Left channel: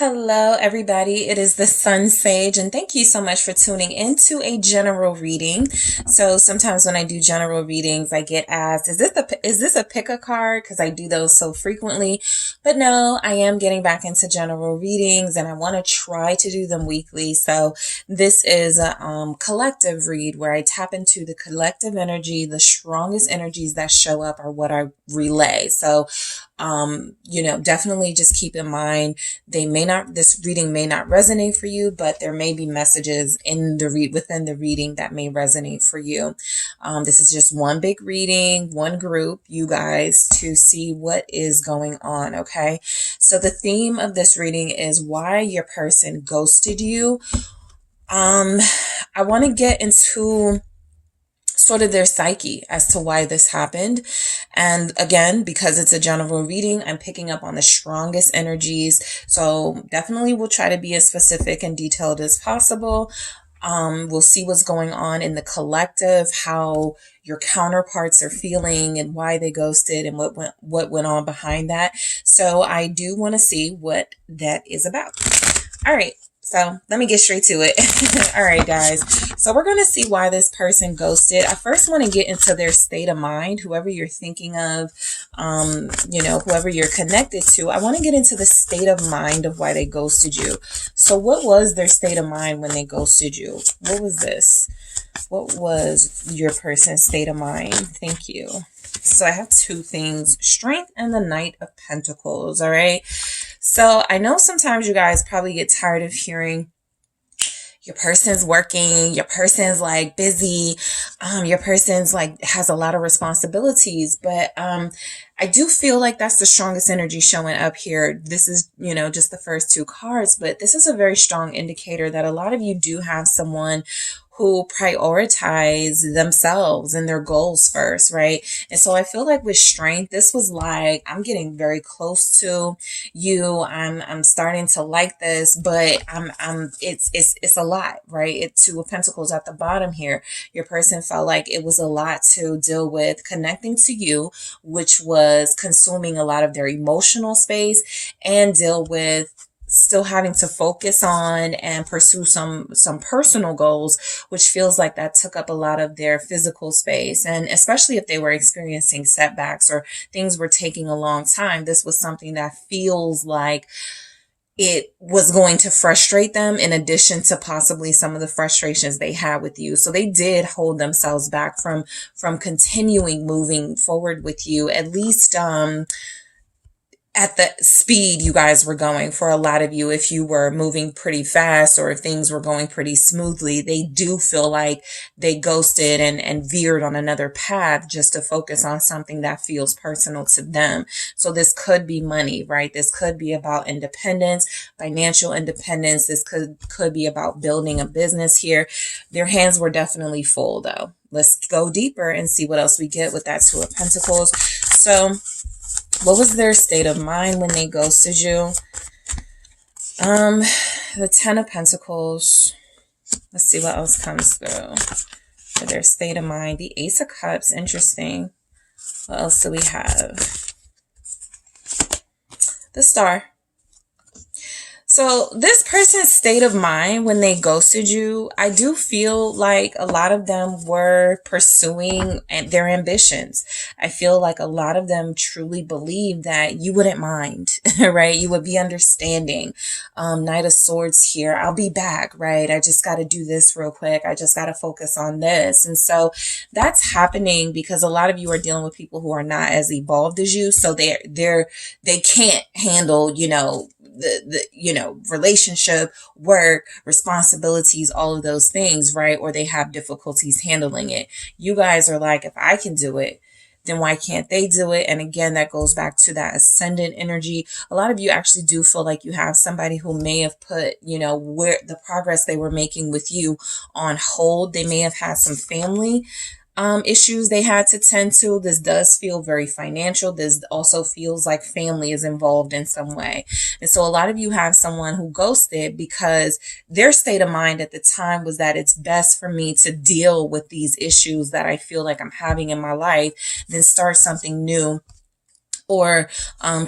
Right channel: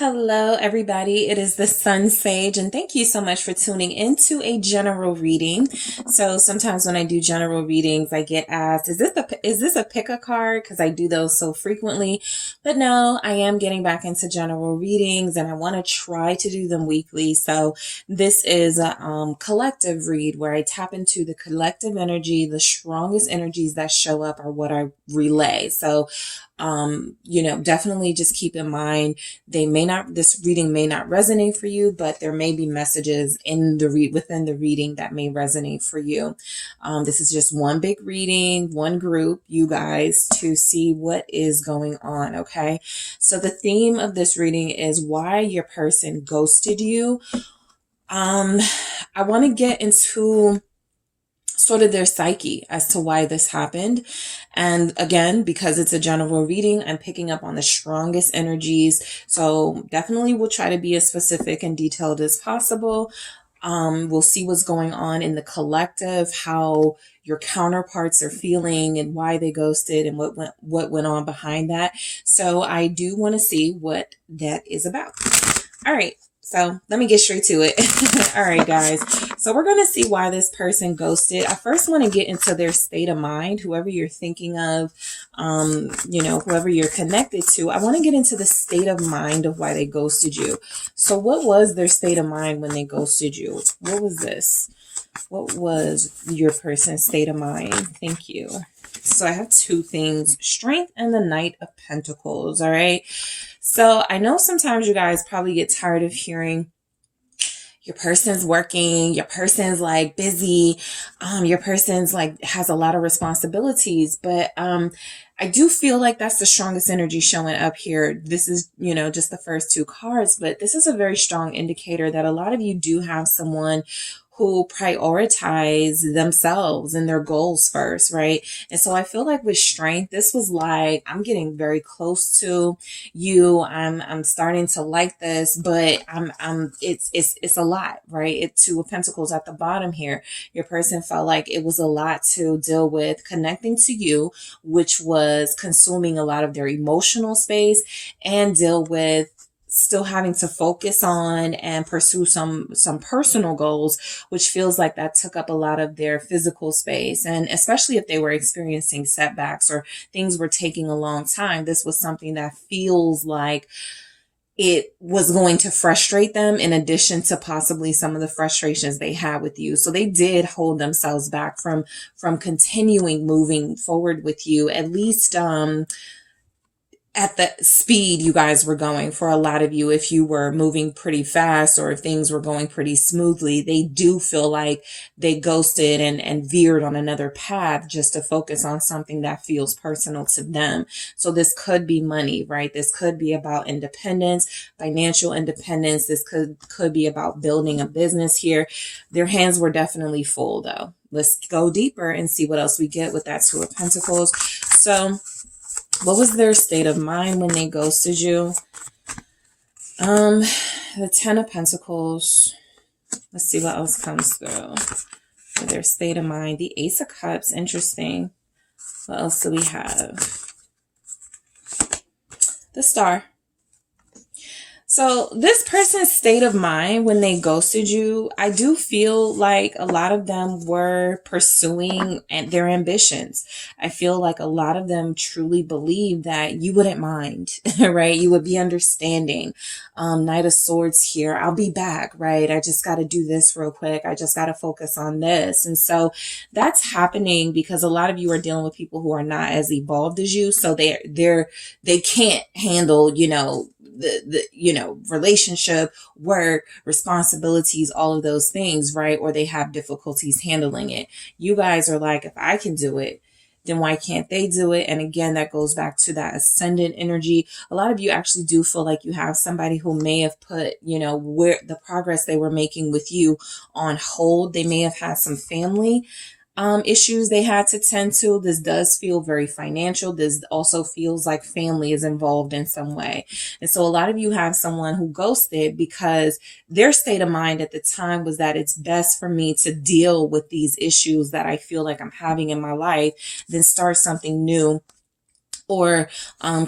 Hello, everybody. It is the SunSage, and thank you so much for tuning into a general reading. So sometimes when I do general readings, I get asked, is this a pick a card? Because I do those so frequently. But no, I am getting back into general readings, and I want to try to do them weekly. So this is a collective read where I tap into the collective energy. The strongest energies that show up are what I relay. So definitely just keep in mind, this reading may not resonate for you, but there may be messages within the reading that may resonate for you. This is just one big reading, one group, you guys, to see what is going on. Okay. So the theme of this reading is why your person ghosted you. I want to get into sort of their psyche as to why this happened. And again, because it's a general reading, I'm picking up on the strongest energies. So definitely we'll try to be as specific and detailed as possible. We'll see what's going on in the collective, how your counterparts are feeling and why they ghosted and what went on behind that. So I do want to see what that is about. All right. So let me get straight to it. All right, guys. So we're going to see why this person ghosted. I first want to get into their state of mind, whoever you're thinking of, whoever you're connected to. I want to get into the state of mind of why they ghosted you. So what was their state of mind when they ghosted you? What was this? What was your person's state of mind? Thank you. So I have two things, Strength and the Knight of Pentacles. All right. So I know sometimes you guys probably get tired of hearing your person's working, your person's like busy, your person's like has a lot of responsibilities, but I do feel like that's the strongest energy showing up here. This is, just the first two cards, but this is a very strong indicator that a lot of you do have someone who prioritize themselves and their goals first, right? And so I feel like with Strength, this was like, I'm getting very close to you. I'm starting to like this, but it's a lot, right? It's Two of Pentacles at the bottom here. Your person felt like it was a lot to deal with connecting to you, which was consuming a lot of their emotional space, and deal with still having to focus on and pursue some personal goals, which feels like that took up a lot of their physical space. And especially if they were experiencing setbacks or things were taking a long time, this was something that feels like it was going to frustrate them, in addition to possibly some of the frustrations they had with you. So they did hold themselves back from continuing moving forward with you, at least at the speed you guys were going. For a lot of you, if you were moving pretty fast or if things were going pretty smoothly, they do feel like they ghosted and veered on another path just to focus on something that feels personal to them. So this could be money, right? This could be about independence, financial independence. This could be about building a business here. Their hands were definitely full though. Let's go deeper and see what else we get with that Two of Pentacles. So what was their state of mind when they ghosted you? The Ten of Pentacles. Let's see what else comes through. For their state of mind. The Ace of Cups. Interesting. What else do we have? The Star. So this person's state of mind when they ghosted you, I do feel like a lot of them were pursuing their ambitions. I feel like a lot of them truly believed that you wouldn't mind, right? You would be understanding. Knight of Swords here. I'll be back, right? I just got to do this real quick. I just got to focus on this. And so that's happening because a lot of you are dealing with people who are not as evolved as you. So they can't handle, the relationship, work, responsibilities, all of those things, right? Or they have difficulties handling it. You guys are like, if I can do it, then why can't they do it? And again, that goes back to that ascendant energy. A lot of you actually do feel like you have somebody who may have put, where the progress they were making with you on hold. They may have had some family issues they had to tend to. This does feel very financial. This also feels like family is involved in some way. And so a lot of you have someone who ghosted because their state of mind at the time was that it's best for me to deal with these issues that I feel like I'm having in my life than start something new or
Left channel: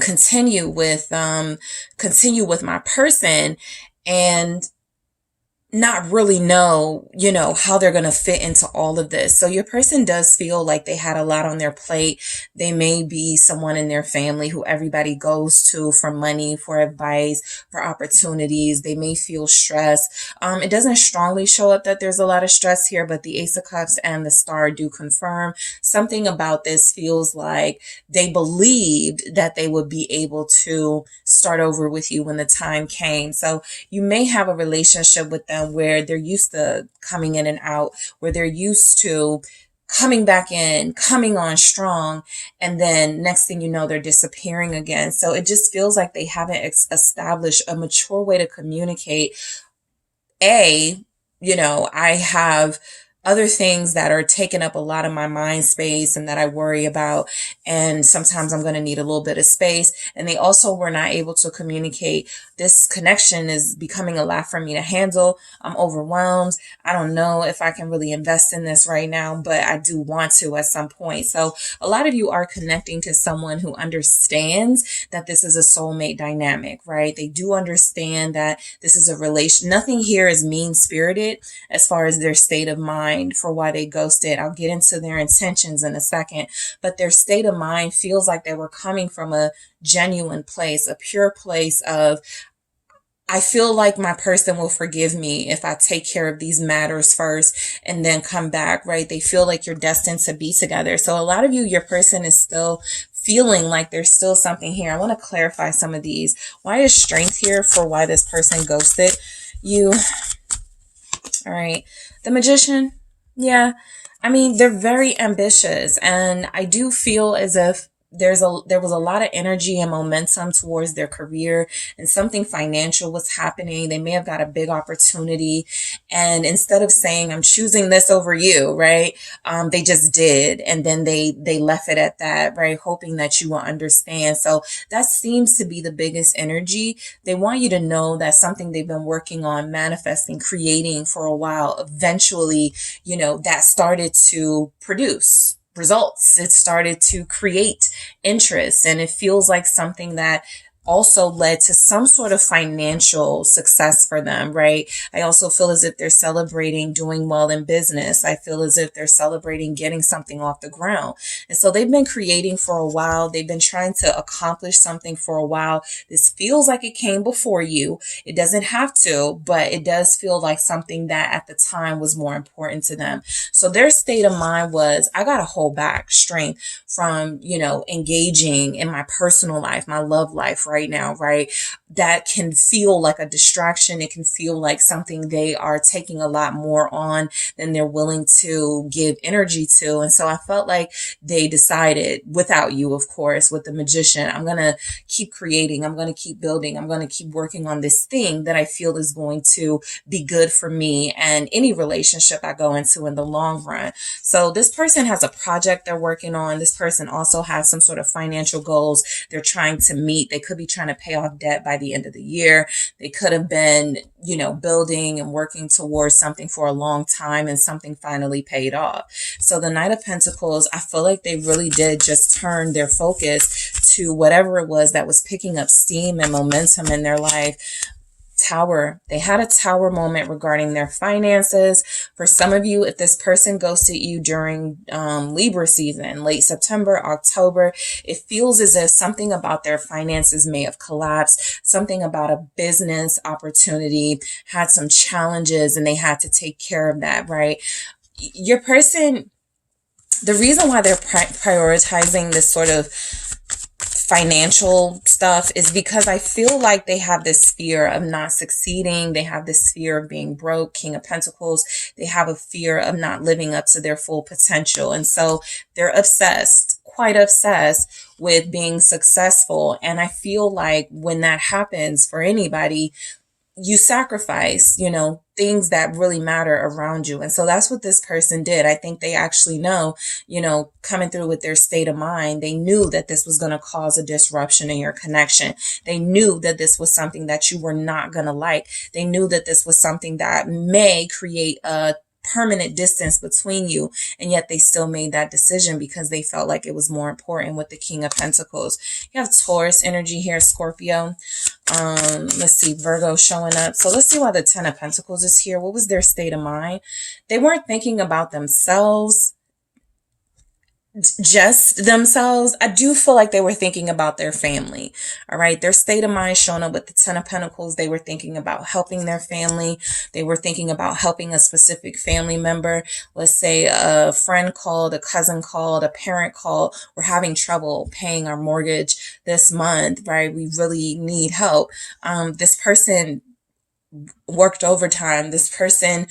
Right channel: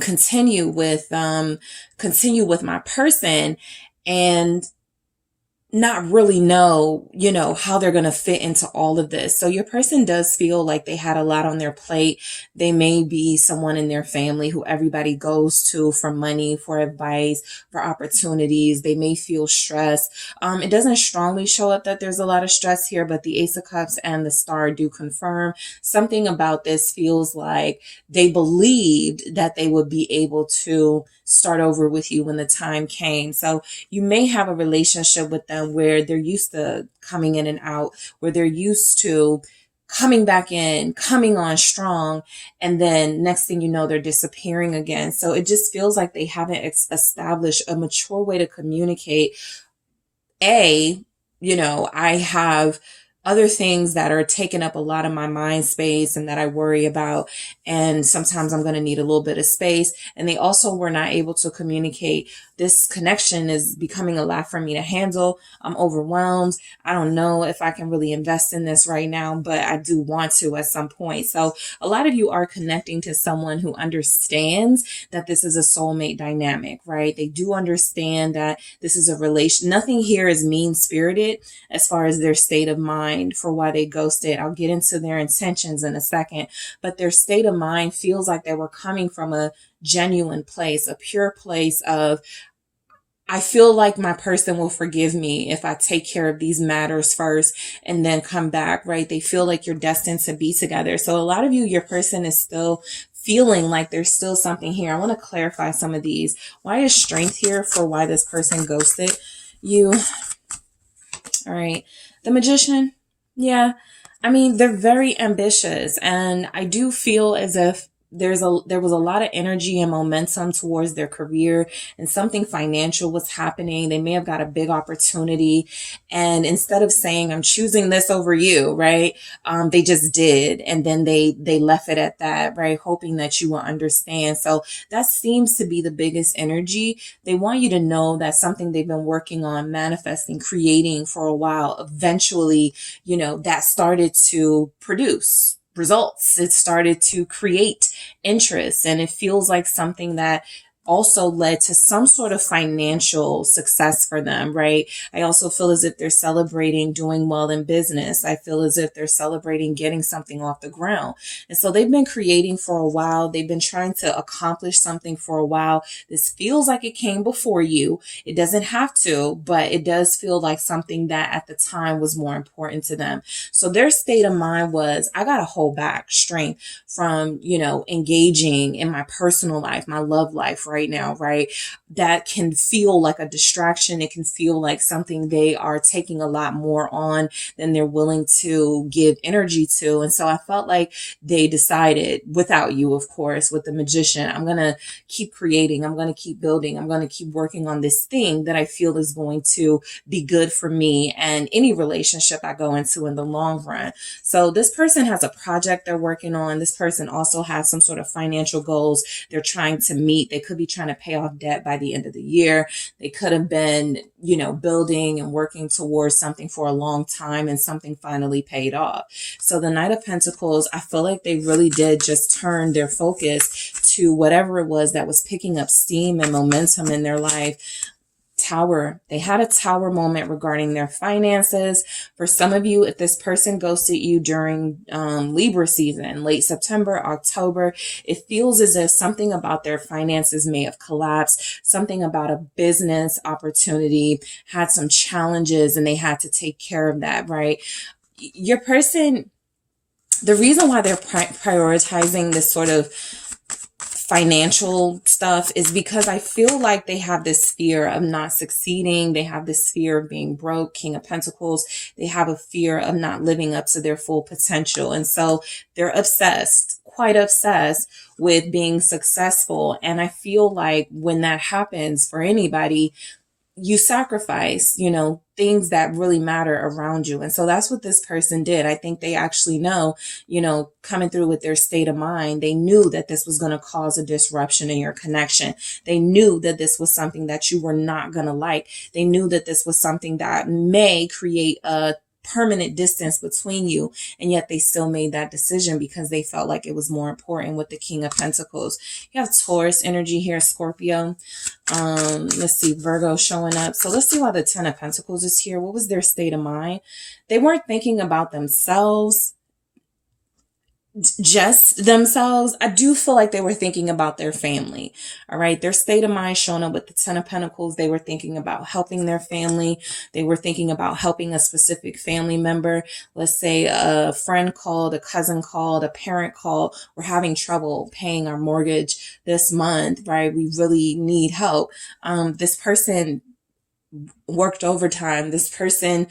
continue with my person, and not really know, how they're going to fit into all of this. So your person does feel like they had a lot on their plate. They may be someone in their family who everybody goes to for money, for advice, for opportunities. They may feel stressed. It doesn't strongly show up that there's a lot of stress here, but the Ace of Cups and the Star do confirm something about this. Feels like they believed that they would be able to start over with you when the time came. So you may have a relationship with them where they're used to coming in and out, where they're used to coming back in, coming on strong, and then next thing you know, they're disappearing again. So it just feels like they haven't established a mature way to communicate. I have other things that are taking up a lot of my mind space and that I worry about. And sometimes I'm going to need a little bit of space. And they also were not able to communicate. This connection is becoming a lot for me to handle. I'm overwhelmed. I don't know if I can really invest in this right now, but I do want to at some point. So a lot of you are connecting to someone who understands that this is a soulmate dynamic, right? They do understand that this is a relation. Nothing here is mean-spirited as far as their state of mind for why they ghosted. I'll get into their intentions in a second, but their state of mind feels like they were coming from a genuine place, a pure place of, I feel like my person will forgive me if I take care of these matters first and then come back, right? They feel like you're destined to be together. So a lot of you, your person is still feeling like there's still something here. I want to clarify some of these. Why is Strength here for why this person ghosted you? All right. The Magician. Yeah. I mean, they're very ambitious, and I do feel as if there was a lot of energy and momentum towards their career, and something financial was happening. They may have got a big opportunity, and instead of saying, I'm choosing this over you, right? They just did. And then they left it at that, right? Hoping that you will understand. So that seems to be the biggest energy. They want you to know that something they've been working on, manifesting, creating for a while, eventually, that started to produce results. It started to create interest, and it feels like something that also led to some sort of financial success for them, right? I also feel as if they're celebrating doing well in business. I feel as if they're celebrating getting something off the ground. And so they've been creating for a while. They've been trying to accomplish something for a while. This feels like it came before you. It doesn't have to, but it does feel like something that at the time was more important to them. So their state of mind was, I got to hold back Strength from, engaging in my personal life, my love life right now, right? That can feel like a distraction. It can feel like something they are taking a lot more on than they're willing to give energy to. And so I felt like they decided, without you, of course, with the Magician, I'm going to keep creating. I'm going to keep building. I'm going to keep working on this thing that I feel is going to be good for me and any relationship I go into in the long run. So this person has a project they're working on. This person also has some sort of financial goals they're trying to meet. They could be trying to pay off debt by the end of the year. They could have been, building and working towards something for a long time, and something finally paid off. So the Knight of Pentacles, I feel like they really did just turn their focus to whatever it was that was picking up steam and momentum in their life. Tower. They had a Tower moment regarding their finances. For some of you, if this person ghosted you during Libra season, late September, October, it feels as if something about their finances may have collapsed. Something about a business opportunity had some challenges, and they had to take care of that, right? Your person, the reason why they're prioritizing this sort of financial stuff is because I feel like they have this fear of not succeeding. They have this fear of being broke. King of Pentacles. They have a fear of not living up to their full potential. And so they're obsessed, quite obsessed with being successful. And I feel like when that happens for anybody, you sacrifice, things that really matter around you. And so that's what this person did. I think they actually know, coming through with their state of mind, they knew that this was going to cause a disruption in your connection. They knew that this was something that you were not going to like. They knew that this was something that may create a permanent distance between you, and yet they still made that decision because they felt like it was more important with the King of Pentacles. You have Taurus energy here, Scorpio. Let's see, Virgo showing up. So let's see why the Ten of Pentacles is here. What was their state of mind? They weren't thinking about themselves, just themselves. I do feel like they were thinking about their family. All right. Their state of mind showing up with the Ten of Pentacles. They were thinking about helping their family. They were thinking about helping a specific family member. Let's say a friend called, a cousin called, a parent called. We're having trouble paying our mortgage this month, right? We really need help. This person worked overtime. This person,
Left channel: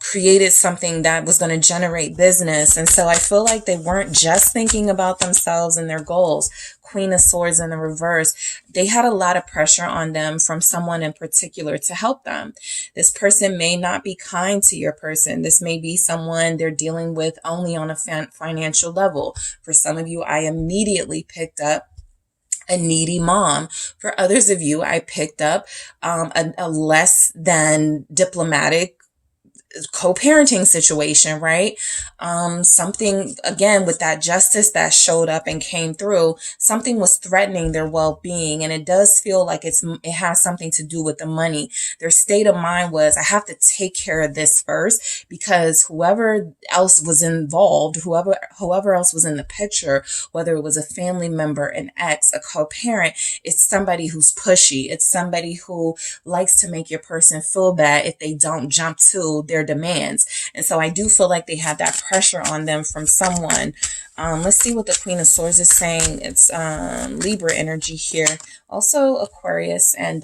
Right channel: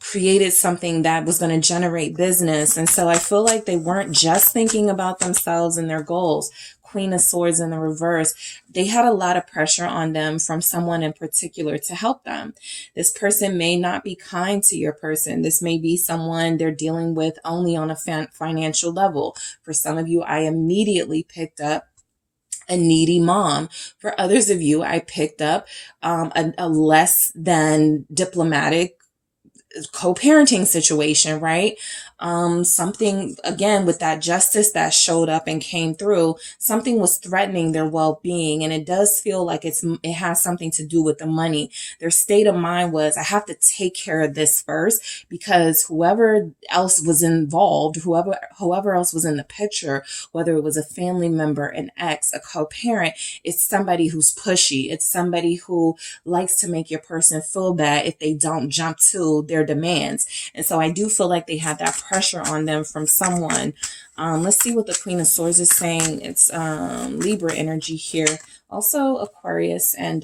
created something that was going to generate business. And so I feel like they weren't just thinking about themselves and their goals. Queen of Swords in the reverse. They had a lot of pressure on them from someone in particular to help them. This person may not be kind to your person. This may be someone they're dealing with only on a financial level. For some of you, I immediately picked up a needy mom. For others of you, I picked up a less than diplomatic co-parenting situation, right? Something, again, with that justice that showed up and came through, something was threatening their well-being. And it does feel like it has something to do with the money. Their state of mind was, I have to take care of this first, because whoever else was involved, whoever else was in the picture, whether it was a family member, an ex, a co-parent, it's somebody who's pushy. It's somebody who likes to make your person feel bad if they don't jump to their demands. And so I do feel like they had that pressure on them from someone. Let's see what the Queen of Swords is saying. It's Libra energy here. Also Aquarius and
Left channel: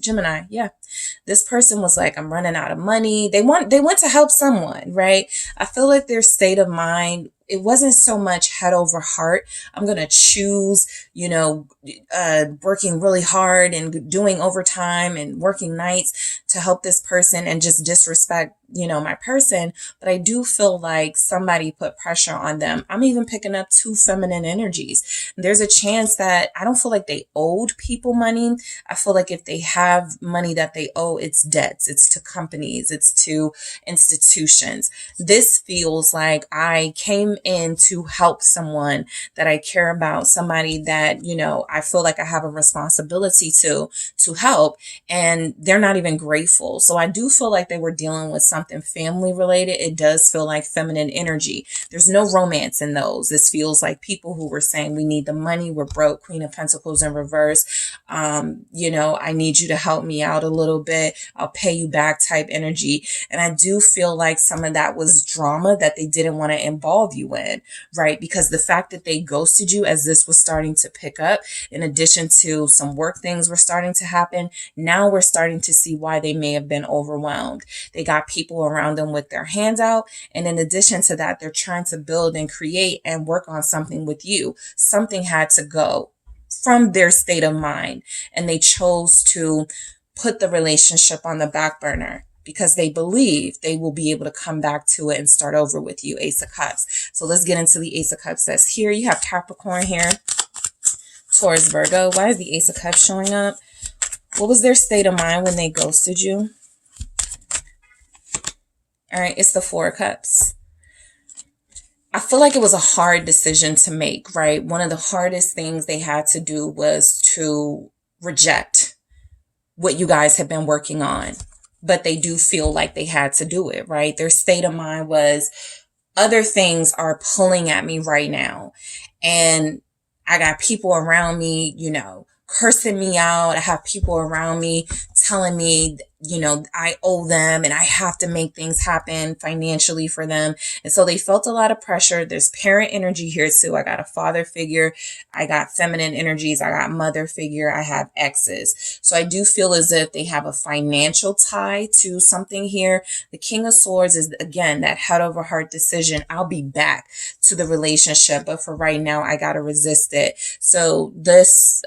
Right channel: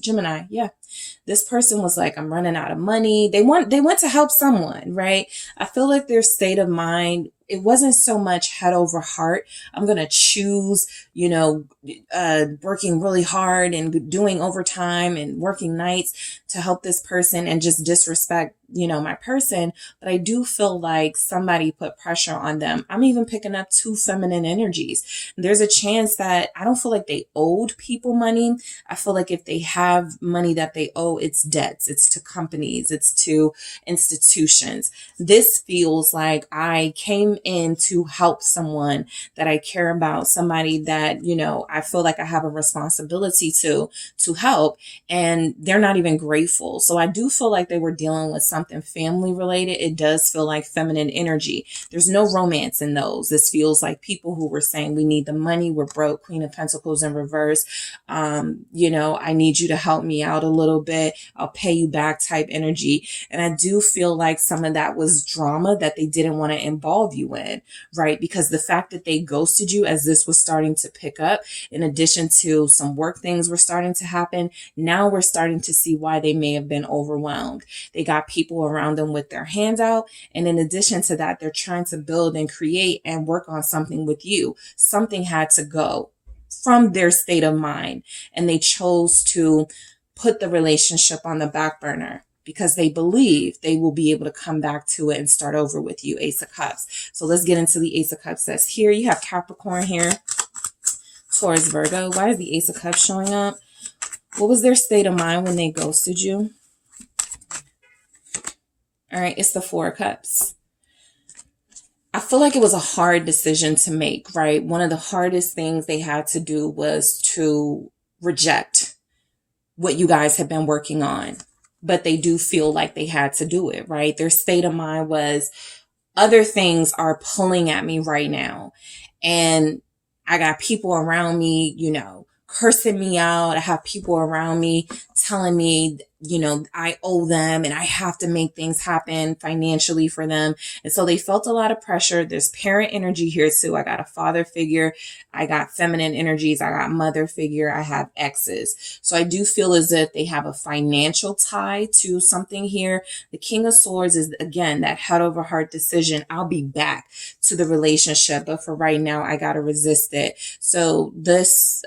Gemini. Yeah. This person was like, I'm running out of money. They went to help someone, right? I feel like their state of mind, it wasn't so much head over heart. I'm going to choose, working really hard and doing overtime and working nights to help this person and just disrespect, my person. But I do feel like somebody put pressure on them. I'm even picking up 2 feminine energies. There's a chance that I don't feel like they owed people money. I feel like if they have money that they owe, it's debts. It's to companies. It's to institutions. This feels like I came in to help someone that I care about, somebody that, I feel like I have a responsibility to help, and they're not even grateful. So I do feel like they were dealing with something family related. It does feel like feminine energy. There's no romance in those. This feels like people who were saying, we need the money. We're broke. Queen of Pentacles in reverse. I need you to help me out a little bit. I'll pay you back type energy. And I do feel like some of that was drama that they didn't want to involve you in, right? Because the fact that they ghosted you as this was starting to pick up, in addition to some work things were starting to happen, now we're starting to see why they may have been overwhelmed. They got people around them with their hands out. And in addition to that, they're trying to build and create and work on something with you. Something had to go from their state of mind, and they chose to put the relationship on the back burner because they believe they will be able to come back to it and start over with you. Ace of Cups. So let's get into the Ace of Cups. That's here. You have Capricorn here, Taurus, Virgo. Why is the Ace of Cups showing up? What was their state of mind when they ghosted you? All right, it's the Four of Cups. I feel like it was a hard decision to make, right? One of the hardest things they had to do was to reject what you guys have been working on. But they do feel like they had to do it, right? Their state of mind was, other things are pulling at me right now. And I got people around me, cursing me out. I have people around me telling me, I owe them and I have to make things happen financially for them. And so they felt a lot of pressure. There's parent energy here too. I got a father figure. I got feminine energies. I got mother figure. I have exes. So I do feel as if they have a financial tie to something here. The King of Swords is, again, that head over heart decision. I'll be back to the relationship, but for right now, I got to resist it. So this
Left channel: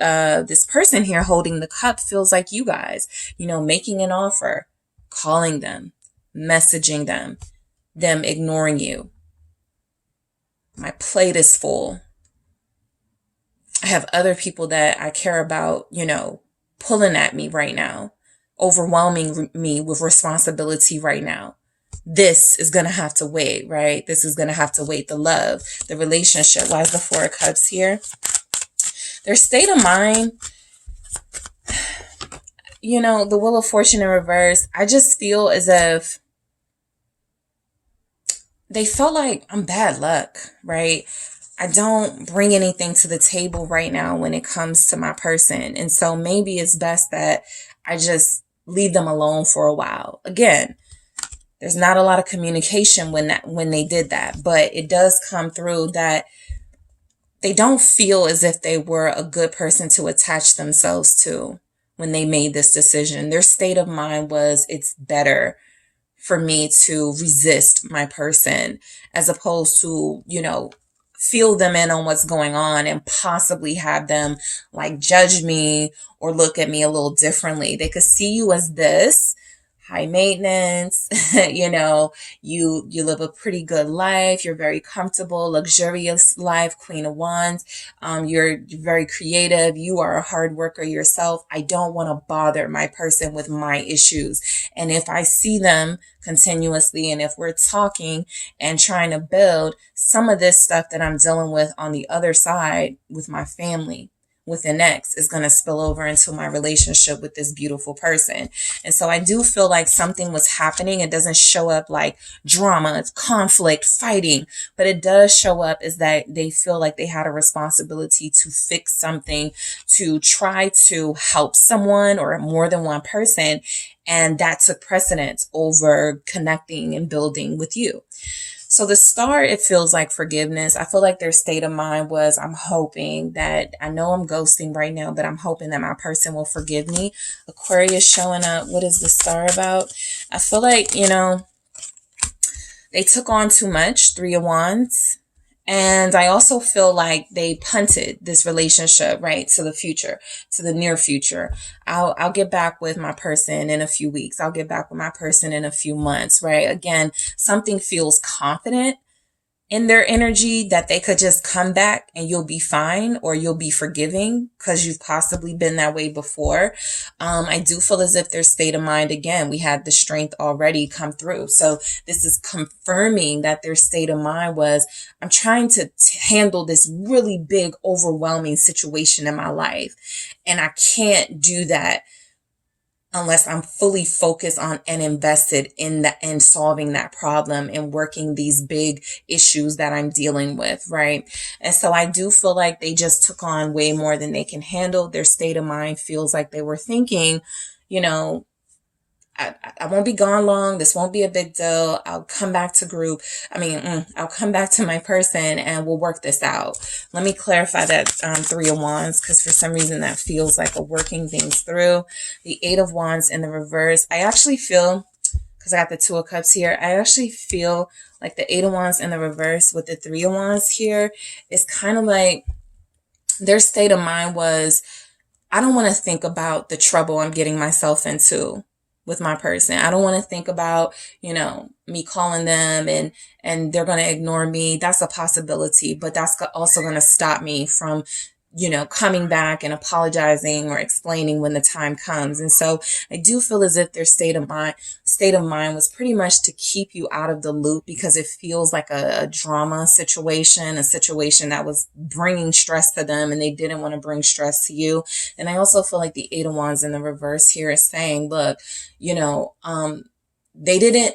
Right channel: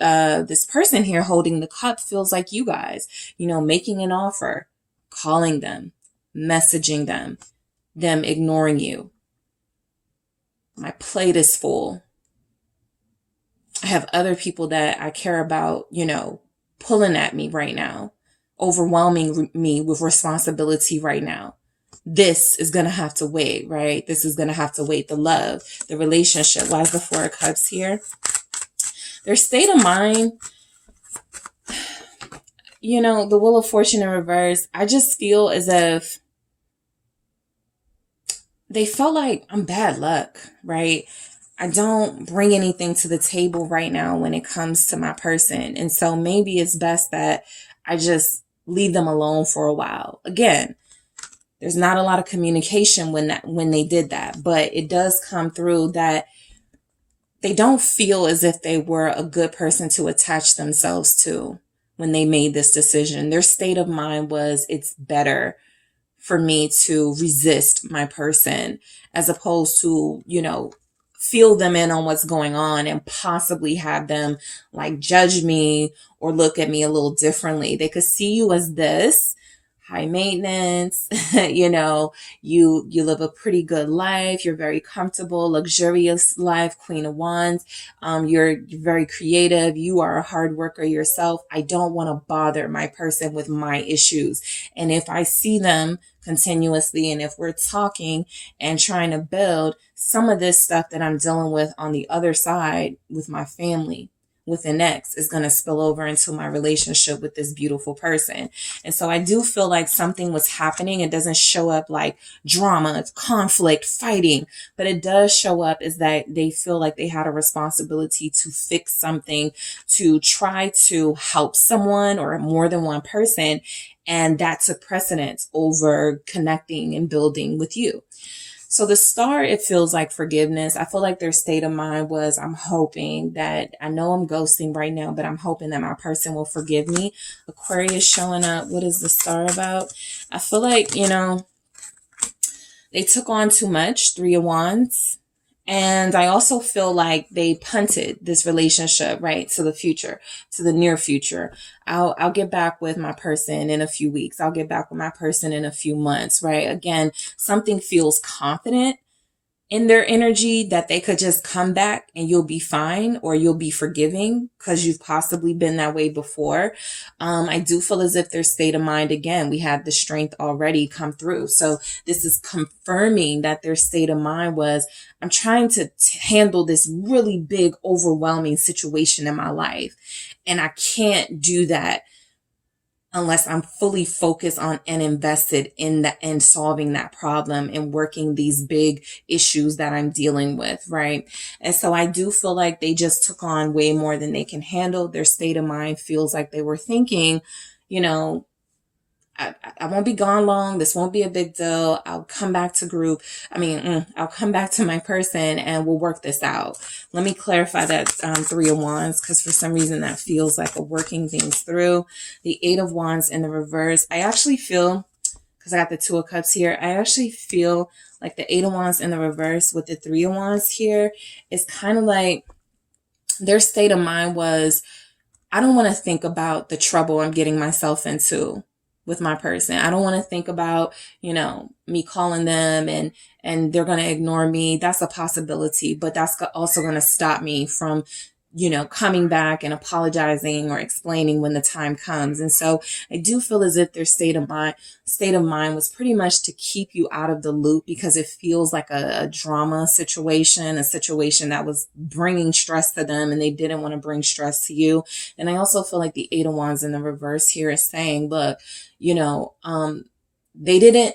person here holding the cup feels like you guys, making an offer, calling them, messaging them ignoring you. My plate is full. I have other people that I care about, pulling at me right now, overwhelming me with responsibility right now. this is going to have to wait, right? This is going to have to wait. The love, the relationship. Why is the Four of Cups here? Their state of mind, you know, the Wheel of Fortune in reverse. I just feel as if they felt like I'm bad luck, right? I don't bring anything to the table right now when it comes to my person. And so maybe it's best that I just leave them alone for a while. Again, there's not a lot of communication when they did that, but it does come through that they don't feel as if they were a good person to attach themselves to when they made this decision. Their state of mind was, it's better for me to resist my person as opposed to, you know, feel them in on what's going on and possibly have them like judge me or look at me a little differently. They could see you as this high maintenance, you know, you live a pretty good life. You're very comfortable, luxurious life, Queen of Wands. You're very creative. You are a hard worker yourself. I don't want to bother my person with my issues. And if I see them continuously, and if we're talking and trying to build, some of this stuff that I'm dealing with on the other side with my family, with an ex, is going to spill over into my relationship with this beautiful person. And so I do feel like something was happening. It doesn't show up like drama, it's conflict, fighting, but it does show up is that they feel like they had a responsibility to fix something, to try to help someone or more than one person. And that took precedence over connecting and building with you. So the Star, it feels like forgiveness. I feel like their state of mind was, I'm hoping that, I know I'm ghosting right now, but I'm hoping that my person will forgive me. Aquarius showing up. What is the Star about? I feel like, you know, they took on too much, Three of Wands. And I also feel like they punted this relationship, right, to the future, to the near future. I'll get back with my person in a few weeks. I'll get back with my person in a few months, right? Again, something feels confident in their energy that they could just come back and you'll be fine, or you'll be forgiving because you've possibly been that way before. I do feel as if their state of mind, again, we had the strength already come through. So this is confirming that their state of mind was, I'm trying to handle this really big, overwhelming situation in my life. And I can't do that unless I'm fully focused on and invested in solving that problem and working these big issues that I'm dealing with, right? And so I do feel like they just took on way more than they can handle. Their state of mind feels like they were thinking, you know, I won't be gone long. This won't be a big deal. I'll come back to group. I'll come back to my person and we'll work this out. Let me clarify that Three of Wands, because for some reason that feels like a working things through. The Eight of Wands in the reverse. I actually feel, because I got the Two of Cups here, I actually feel like the Eight of Wands in the reverse with the Three of Wands here is kind of like their state of mind was, I don't want to think about the trouble I'm getting myself into with my person. I don't want to think about, you know, me calling them and they're going to ignore me. That's a possibility, but that's also going to stop me from, you know, coming back and apologizing or explaining when the time comes. And so I do feel as if their state of mind was pretty much to keep you out of the loop, because it feels like a drama situation, a situation that was bringing stress to them and they didn't want to bring stress to you. And I also feel like the Eight of Wands in the reverse here is saying, look, you know, they didn't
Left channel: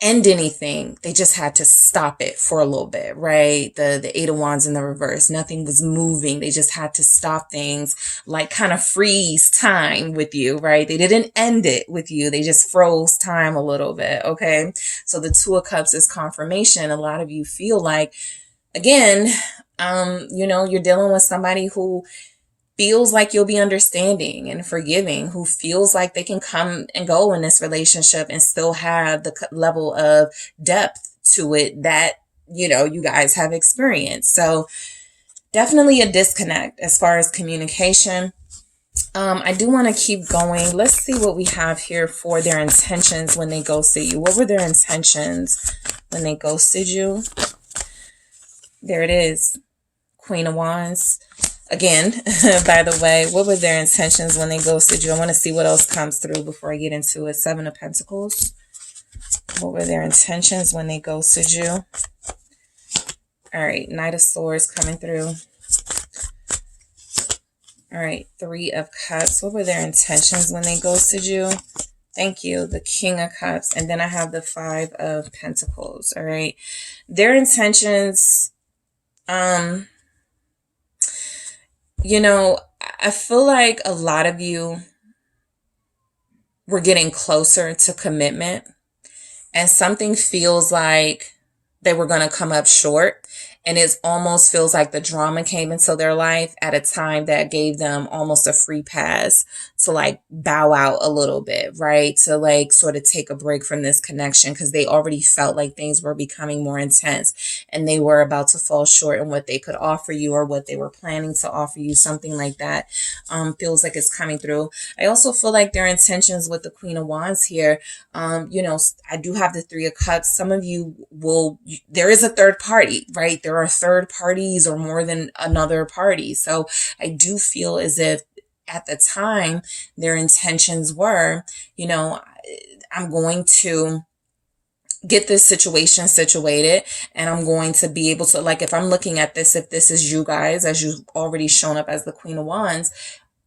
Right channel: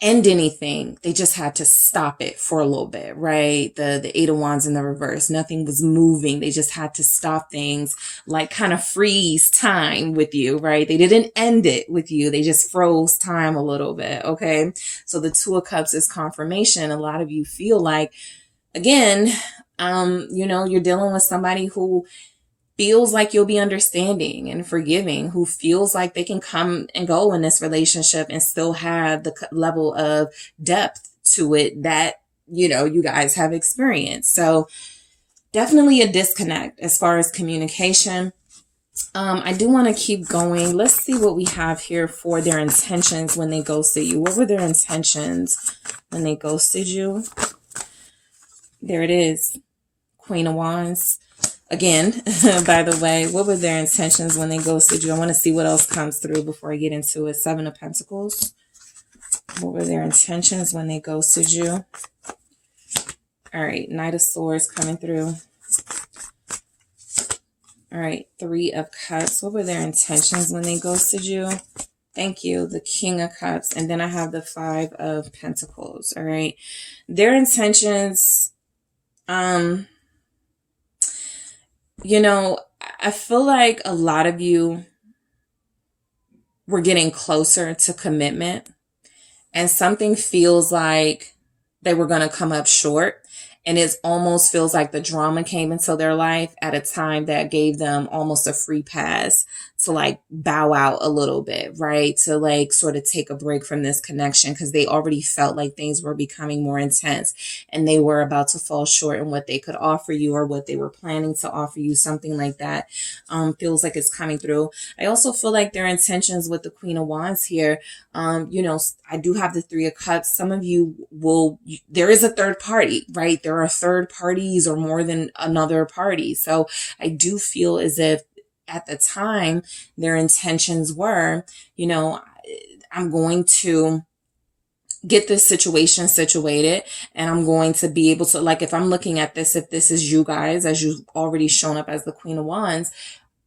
end anything. They just had to stop it for a little bit, right? The Eight of Wands in the reverse, nothing was moving. They just had to stop things, like kind of freeze time with you, right? They didn't end it with you. They just froze time a little bit. Okay. So the Two of Cups is confirmation. A lot of you feel like, again, you know, you're dealing with somebody who feels like you'll be understanding and forgiving, who feels like they can come and go in this relationship and still have the level of depth to it that, you know, you guys have experienced. So definitely a disconnect as far as communication. I do want to keep going. Let's see what we have here for their intentions when they ghosted you. What were their intentions when they ghosted you? There it is. Queen of Wands. Again, by the way, what were their intentions when they ghosted you? I want to see what else comes through before I get into it. Seven of Pentacles. What were their intentions when they ghosted you? All right, Knight of Swords coming through. All right, Three of Cups. What were their intentions when they ghosted you? Thank you. The King of Cups. And then I have the Five of Pentacles. All right. Their intentions, you know, I feel like a lot of you were getting closer to commitment, and something feels like they were going to come up short. And it almost feels like the drama came into their life at a time that gave them almost a free pass to like bow out a little bit, right? To like sort of take a break from this connection, because they already felt like things were becoming more intense and they were about to fall short in what they could offer you or what they were planning to offer you. Something like that feels like it's coming through. I also feel like their intentions with the Queen of Wands here, you know, I do have the Three of Cups. Some of you there is a third party, right? There are third parties or more than another party. So I do feel as if at the time their intentions were, you know, I'm going to get this situation situated and I'm going to be able to, like, if I'm looking at this, if this is you guys, as you've already shown up as the Queen of Wands,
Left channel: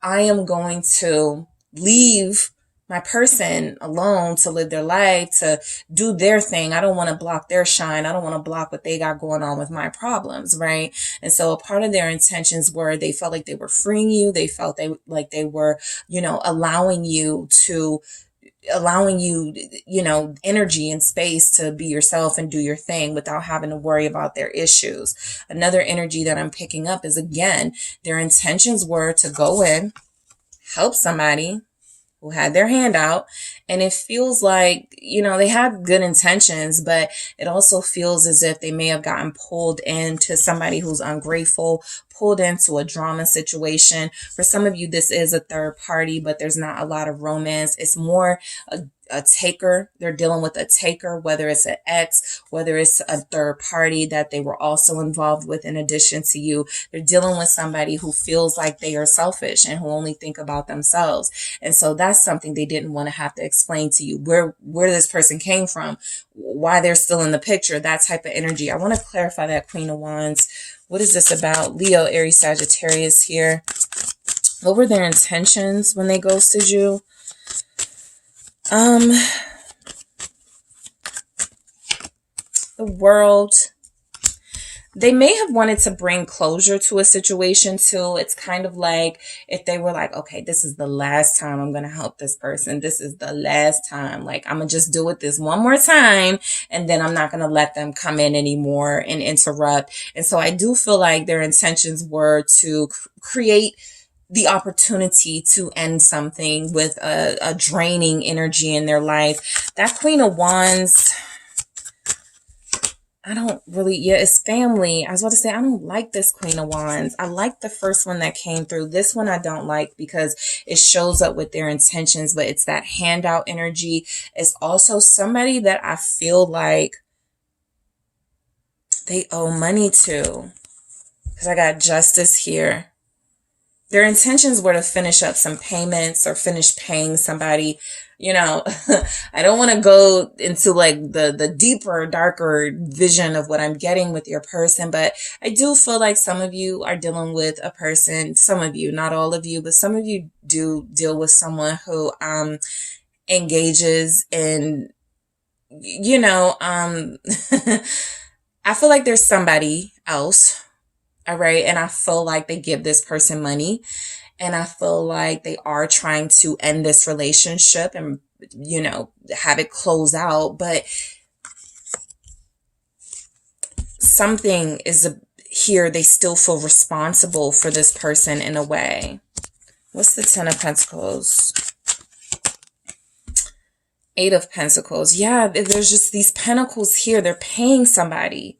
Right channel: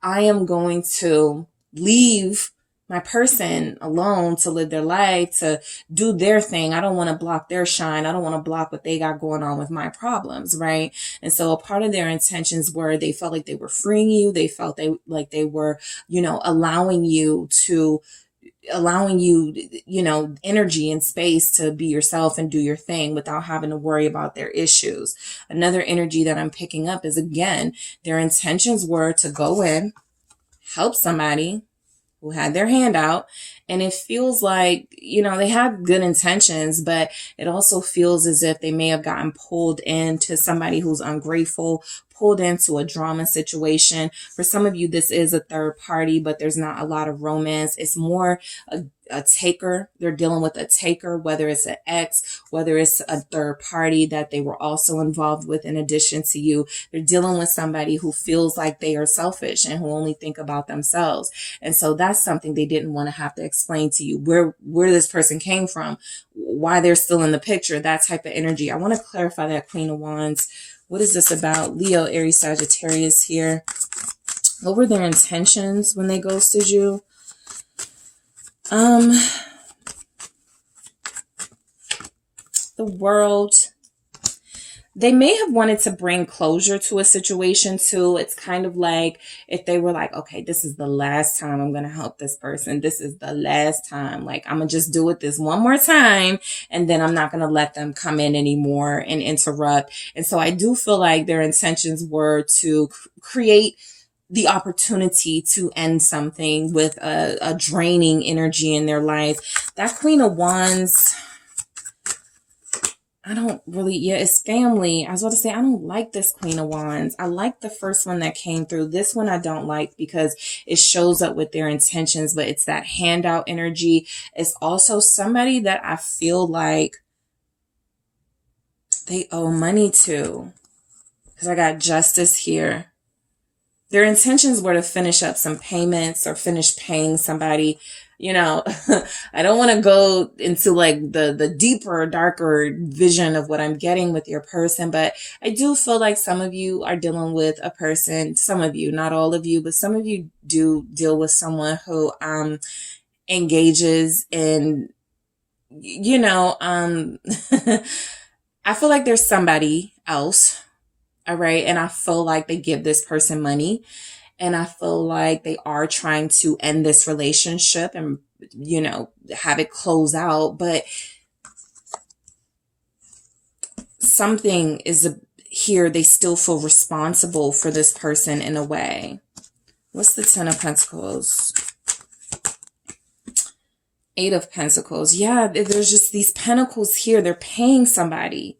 I am going to leave my person alone to live their life, to do their thing. I don't want to block their shine. I don't want to block what they got going on with my problems, right? And so a part of their intentions were they felt like they were freeing you. They felt like they were, you know, allowing you, you know, energy and space to be yourself and do your thing without having to worry about their issues. Another energy that I'm picking up is, again, their intentions were to go in, help somebody who had their hand out. And it feels like, you know, they have good intentions, but it also feels as if they may have gotten pulled into somebody who's ungrateful, pulled into a drama situation. For some of you, this is a third party, but there's not a lot of romance. It's more a taker. They're dealing with a taker, whether it's an ex, whether it's a third party that they were also involved with in addition to you. They're dealing with somebody who feels like they are selfish and who only think about themselves. And so that's something they didn't want to have to explain to you, where this person came from, why they're still in the picture, that type of energy. I want to clarify that, Queen of Wands. What is this about? Leo, Aries, Sagittarius here. What were their intentions when they ghosted you? The World. They may have wanted to bring closure to a situation too. It's kind of like if they were like, okay, this is the last time I'm going to help this person. This is the last time. Like, I'm going to just do it this one more time. And then I'm not going to let them come in anymore and interrupt. And so I do feel like their intentions were to create the opportunity to end something with a draining energy in their life. That Queen of Wands, I don't really, yeah, it's family. I was about to say, I don't like this Queen of Wands. I like the first one that came through. This one I don't like because it shows up with their intentions, but it's that handout energy. It's also somebody that I feel like they owe money to, because I got Justice here. Their intentions were to finish up some payments or finish paying somebody. You know, I don't want to go into like the deeper, darker vision of what I'm getting with your person, but I do feel like some of you are dealing with a person, some of you, not all of you, but some of you do deal with someone who engages in, you know, I feel like there's somebody else. All right. And I feel like they give this person money, and I feel like they are trying to end this relationship and, you know, have it close out. But something is here. They still feel responsible for this person in a way. What's the Ten of Pentacles? Eight of Pentacles. Yeah, there's just these pentacles here. They're paying somebody.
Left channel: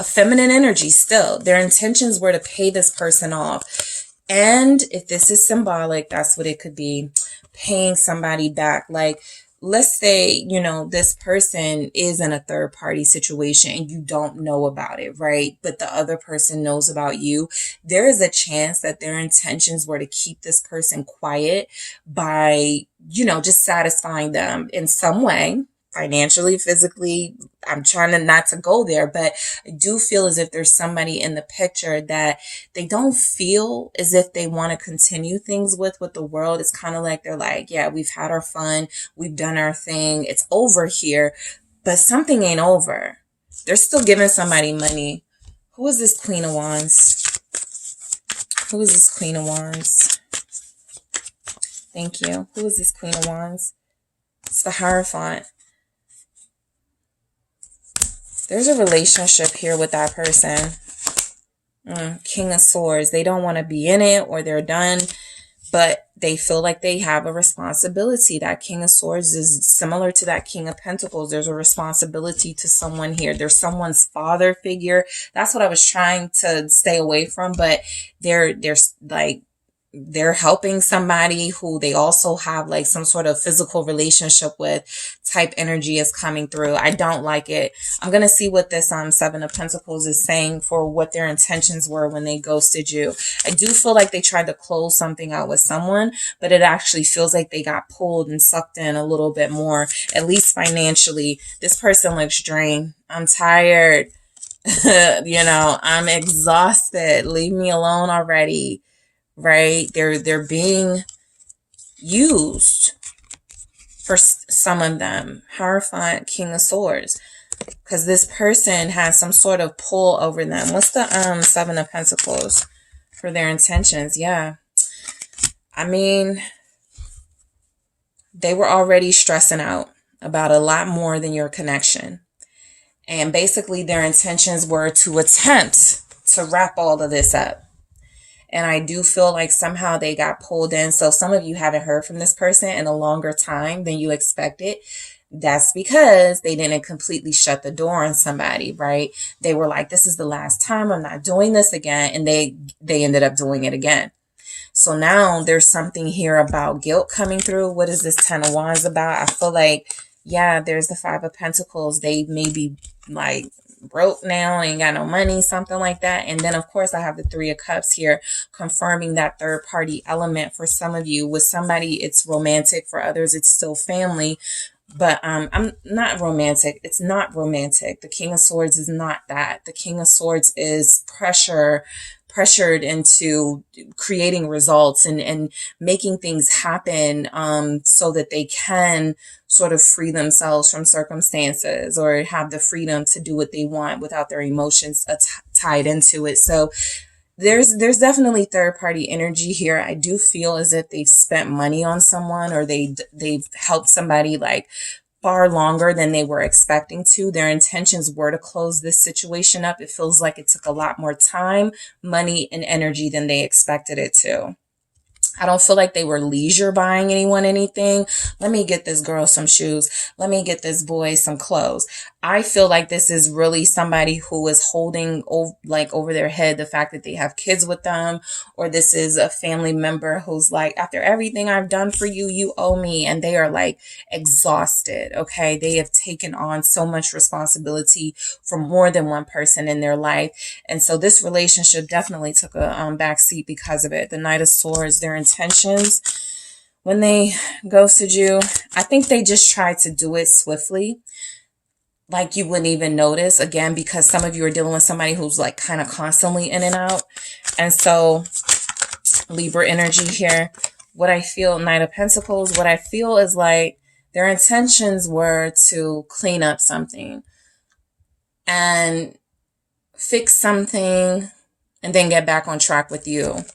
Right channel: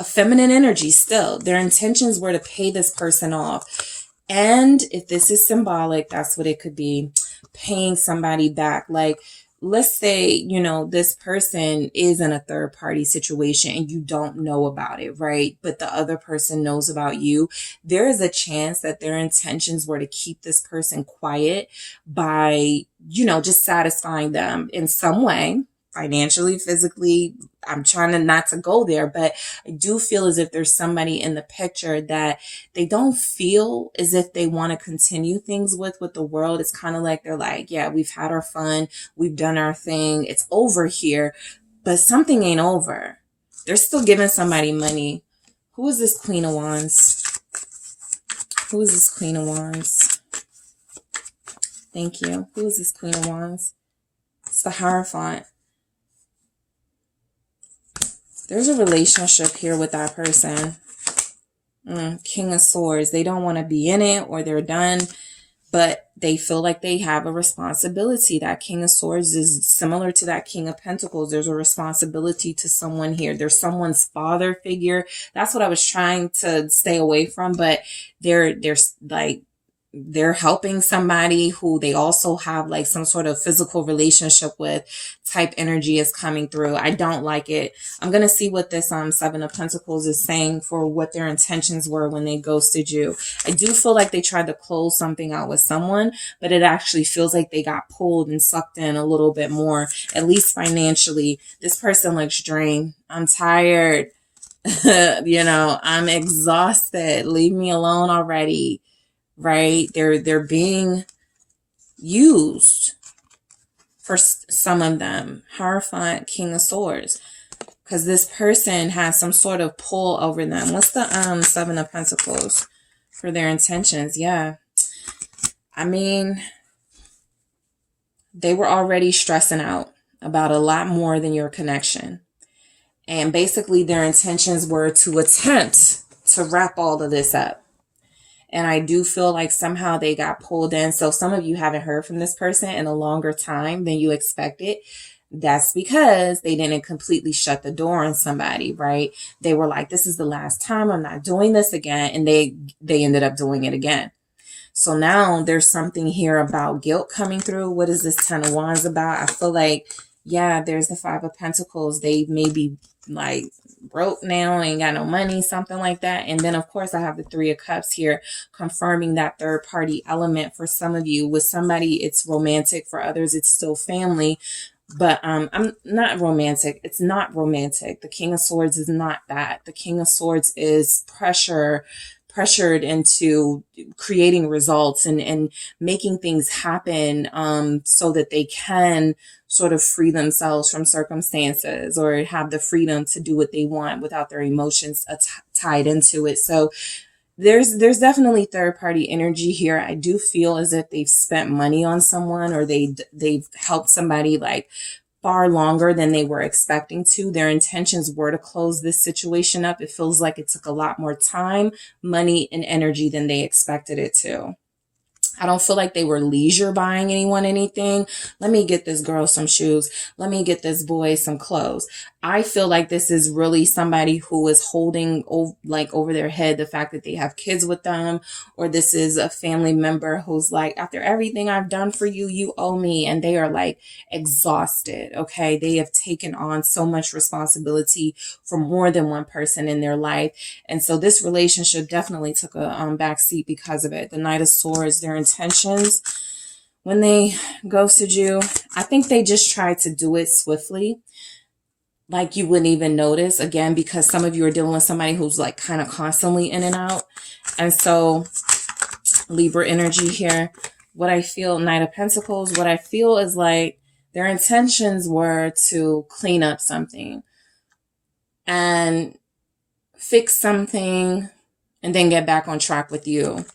A feminine energy still. Their intentions were to pay this person off. And if this is symbolic, that's what it could be. Paying somebody back. Like, let's say, you know, this person is in a third party situation and you don't know about it, right? But the other person knows about you. There is a chance that their intentions were to keep this person quiet by, you know, just satisfying them in some way. financially, physically. I'm trying to not to go there, but I do feel as if there's somebody in the picture that they don't feel as if they want to continue things with the world. It's kind of like they're like, yeah, we've had our fun. We've done our thing. It's over here, but something ain't over. They're still giving somebody money. Who is this Queen of Wands? Who is this Queen of Wands? Thank you. Who is this Queen of Wands? It's the Hierophant. There's a relationship here with that person. King of Swords. They don't want to be in it, or they're done, but they feel like they have a responsibility. That King of Swords is similar to that King of Pentacles. There's a responsibility to someone here. There's someone's father figure. That's what I was trying to stay away from, but they're like, they're helping somebody who they also have like some sort of physical relationship with type energy is coming through. I don't like it. I'm going to see what this Seven of Pentacles is saying for what their intentions were when they ghosted you. I do feel like they tried to close something out with someone, but it actually feels like they got pulled and sucked in a little bit more, at least financially. This person looks drained. I'm tired. You know, I'm exhausted. Leave me alone already. Right? They're being used for some of them. Hierophant, King of Swords. Because this person has some sort of pull over them. What's the Seven of Pentacles for their intentions? Yeah. I mean, they were already stressing out about a lot more than your connection. And basically their intentions were to attempt to wrap all of this up. And I do feel like somehow they got pulled in. So some of you haven't heard from this person in a longer time than you expected. That's because they didn't completely shut the door on somebody, right? They were like, this is the last time, I'm not doing this again. And they ended up doing it again. So now there's something here about guilt coming through. What is this Ten of Wands about? I feel like, yeah, there's the Five of Pentacles. They may be like broke now, ain't got no money, something like that. And then of course I have the Three of Cups here, confirming that third party element for some of you. With somebody it's romantic, for others it's still family, but I'm not romantic. It's not romantic. The King of Swords is not that. The King of Swords is pressured into creating results and making things happen so that they can sort of free themselves from circumstances or have the freedom to do what they want without their emotions tied into it. So there's definitely third party energy here. I do feel as if they've spent money on someone, or they've helped somebody like far longer than they were expecting to. Their intentions were to close this situation up. It feels like it took a lot more time, money, and energy than they expected it to. I don't feel like they were leisure buying anyone anything. Let me get this girl some shoes. Let me get this boy some clothes. I feel like this is really somebody who is holding over their head the fact that they have kids with them, or this is a family member who's like, after everything I've done for you, you owe me. And they are like exhausted. Okay. They have taken on so much responsibility for more than one person in their life. And so this relationship definitely took a backseat because of it. The Knight of Swords, their intentions when they ghosted you, I think they just tried to do it swiftly, like you wouldn't even notice, again, because some of you are dealing with somebody who's like kind of constantly in and out. And so Libra energy here, what I feel, Knight of Pentacles, what I feel is like their intentions were to clean up something and fix something and then get back on track with you.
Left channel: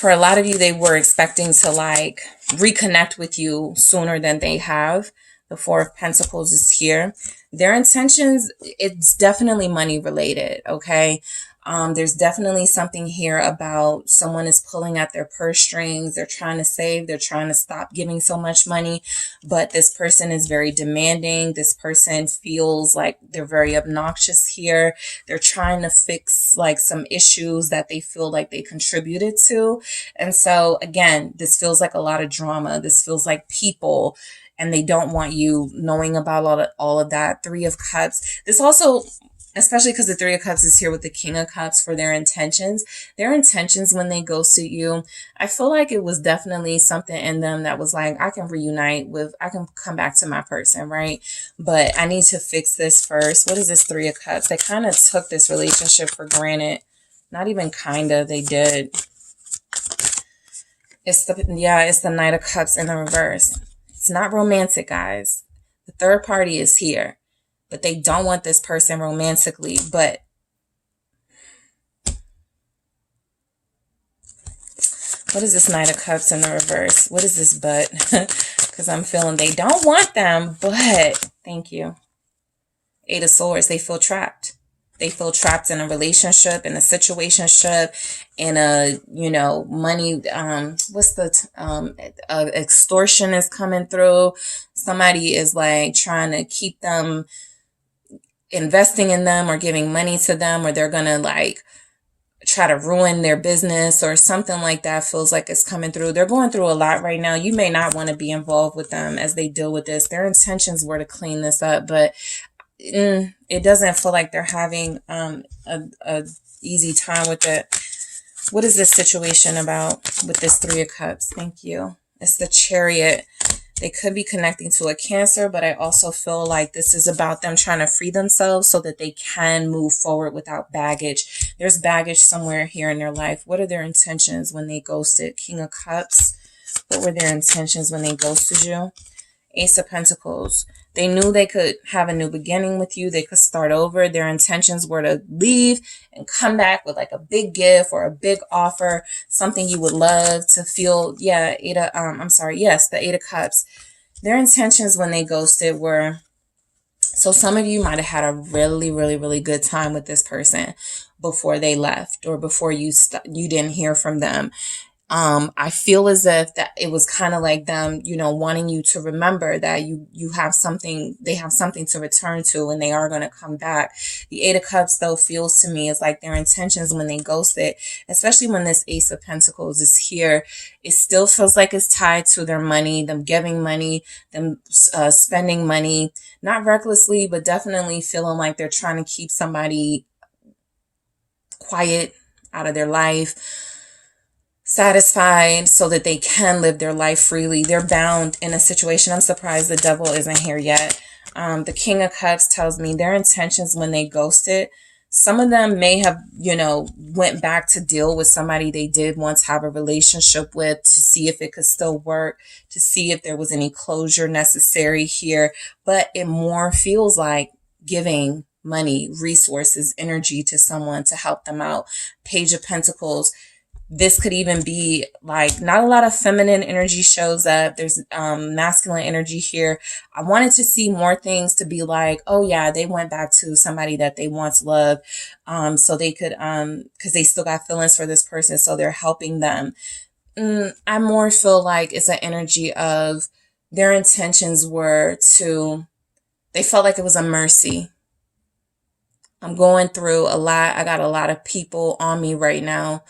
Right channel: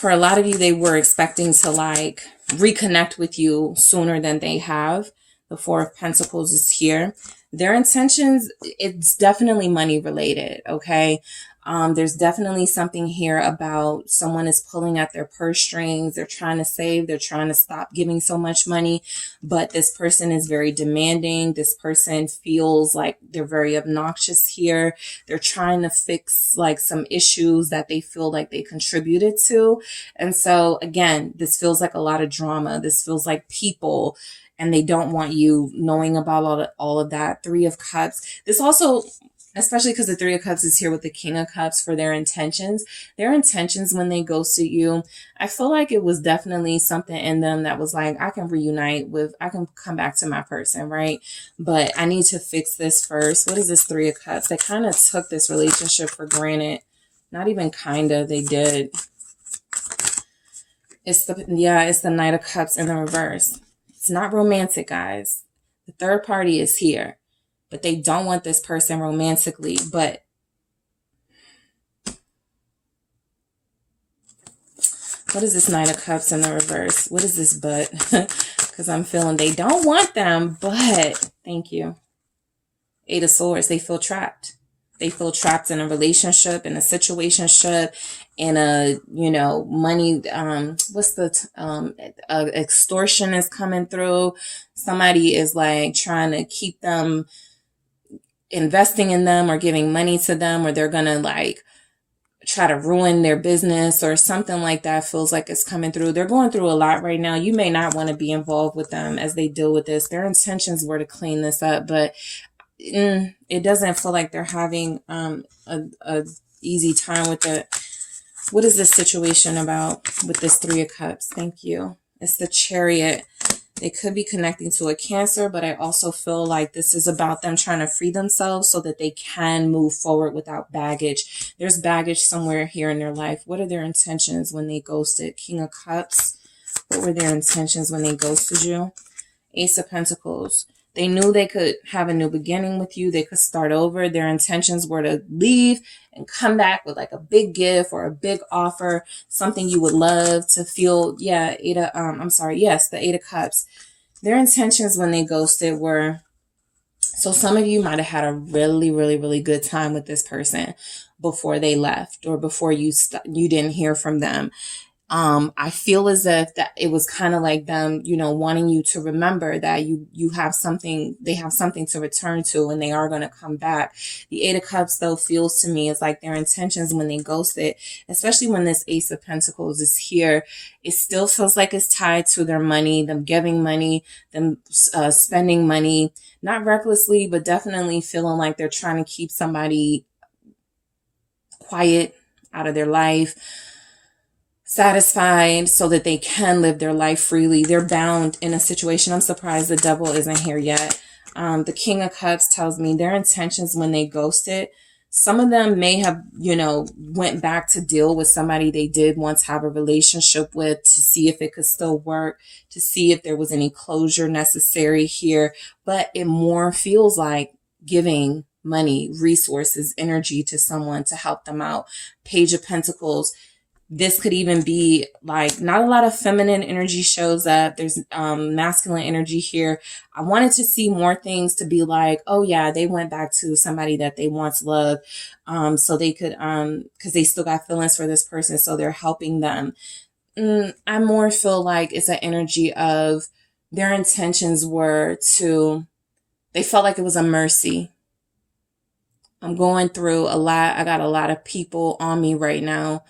For a lot of you, they were expecting to like reconnect with you sooner than they have. The Four of Pentacles is here. Their intentions, it's definitely money related, okay? There's definitely something here about someone is pulling at their purse strings. They're trying to save. They're trying to stop giving so much money. But this person is very demanding. This person feels like they're very obnoxious here. They're trying to fix like some issues that they feel like they contributed to. And so again, this feels like a lot of drama. This feels like people, and they don't want you knowing about all of that. Three of Cups. This also especially because the Three of Cups is here with the King of Cups for their intentions. Their intentions when they ghosted you, I feel like it was definitely something in them that was like, I can reunite with, I can come back to my person, right? But I need to fix this first. What is this Three of Cups? They kind of took this relationship for granted. Not even kind of, they did. It's the Knight of Cups in the reverse. It's not romantic, guys. The third party is here, but they don't want this person romantically. But what is this Knight of Cups in the reverse? What is this but? Because I'm feeling they don't want them, but thank you. Eight of Swords, they feel trapped. They feel trapped in a relationship, in a situationship, in a, money, extortion is coming through. Somebody is like trying to keep them investing in them or giving money to them, or they're going to like try to ruin their business or something like that. Feels like it's coming through. They're going through a lot right now. You may not want to be involved with them as they deal with this. Their intentions were to clean this up, but it doesn't feel like they're having a easy time with it. What is this situation about with this Three of Cups? Thank you. It's the Chariot. They could be connecting to a Cancer, but I also feel like this is about them trying to free themselves so that they can move forward without baggage. There's baggage somewhere here in their life. What are their intentions when they ghosted? King of Cups. What were their intentions when they ghosted you? Ace of Pentacles. They knew they could have a new beginning with you. They could start over. Their intentions were to leave and come back with like a big gift or a big offer, something you would love to feel. Yeah, the Eight of Cups. Their intentions when they ghosted were, so some of you might have had a really, really, really good time with this person before they left or before you didn't hear from them. I feel as if that it was kind of like them, wanting you to remember that you have something, they have something to return to and they are going to come back. The Eight of Cups though feels to me is like their intentions when they ghost it, especially when this Ace of Pentacles is here, it still feels like it's tied to their money, them giving money, them spending money, not recklessly, but definitely feeling like they're trying to keep somebody quiet out of their life, satisfied so that they can live their life freely. They're bound in a situation. I'm surprised the Devil isn't here yet. The King of Cups tells me their intentions when they ghosted. Some of them may have, went back to deal with somebody they did once have a relationship with to see if it could still work, to see if there was any closure necessary here. But it more feels like giving money, resources, energy to someone to help them out. Page of Pentacles. This could even be like not a lot of feminine energy shows up. There's masculine energy here. I wanted to see more things to be like, oh yeah, they went back to somebody that they once loved. So they could, cause they still got feelings for this person. So they're helping them. I more feel like it's an energy of their intentions were to, they felt like it was a mercy. I'm going through a lot. I got a lot of people on me right now.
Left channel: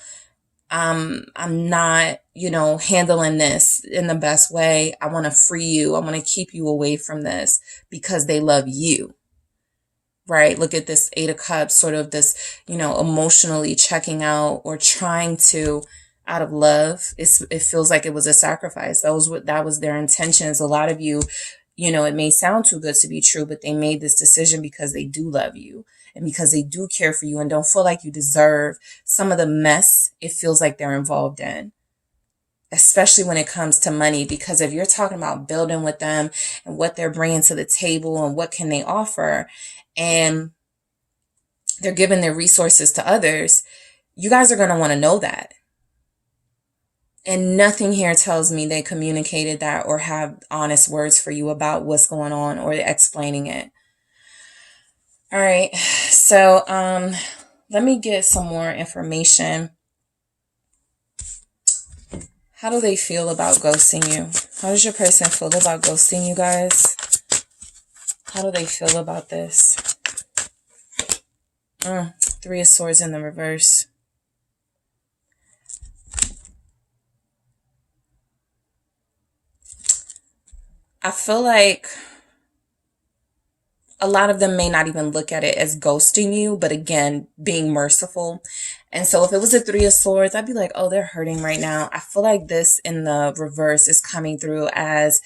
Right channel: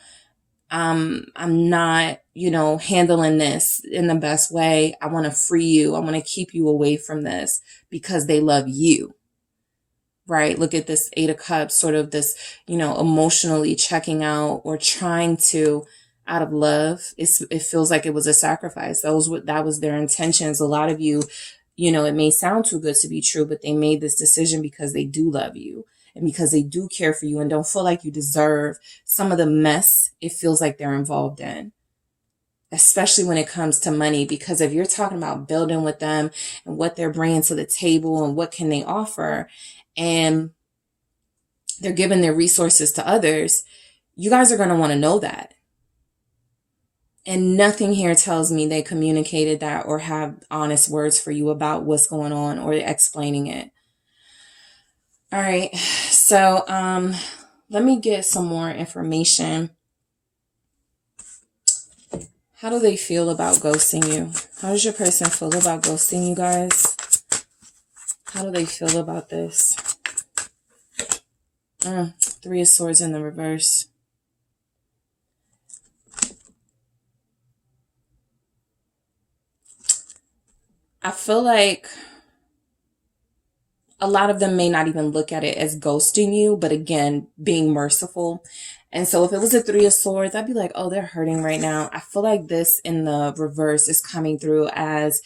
I'm not, handling this in the best way. I want to free you. I want to keep you away from this because they love you, right? Look at this Eight of Cups, sort of this, emotionally checking out or trying to, out of love. It feels like it was a sacrifice. That was their intentions. A lot of you, it may sound too good to be true, but they made this decision because they do love you. And because they do care for you and don't feel like you deserve some of the mess it feels like they're involved in, especially when it comes to money. Because if you're talking about building with them and what they're bringing to the table and what can they offer, and they're giving their resources to others, you guys are going to want to know that. And nothing here tells me they communicated that or have honest words for you about what's going on or explaining it. All right, so let me get some more information. How do they feel about ghosting you? How does your person feel about ghosting you guys? How do they feel about this? Three of Swords in the reverse. I feel like a lot of them may not even look at it as ghosting you, but again, being merciful. And so if it was a Three of Swords, I'd be like, oh, they're hurting right now. I feel like this in the reverse is coming through as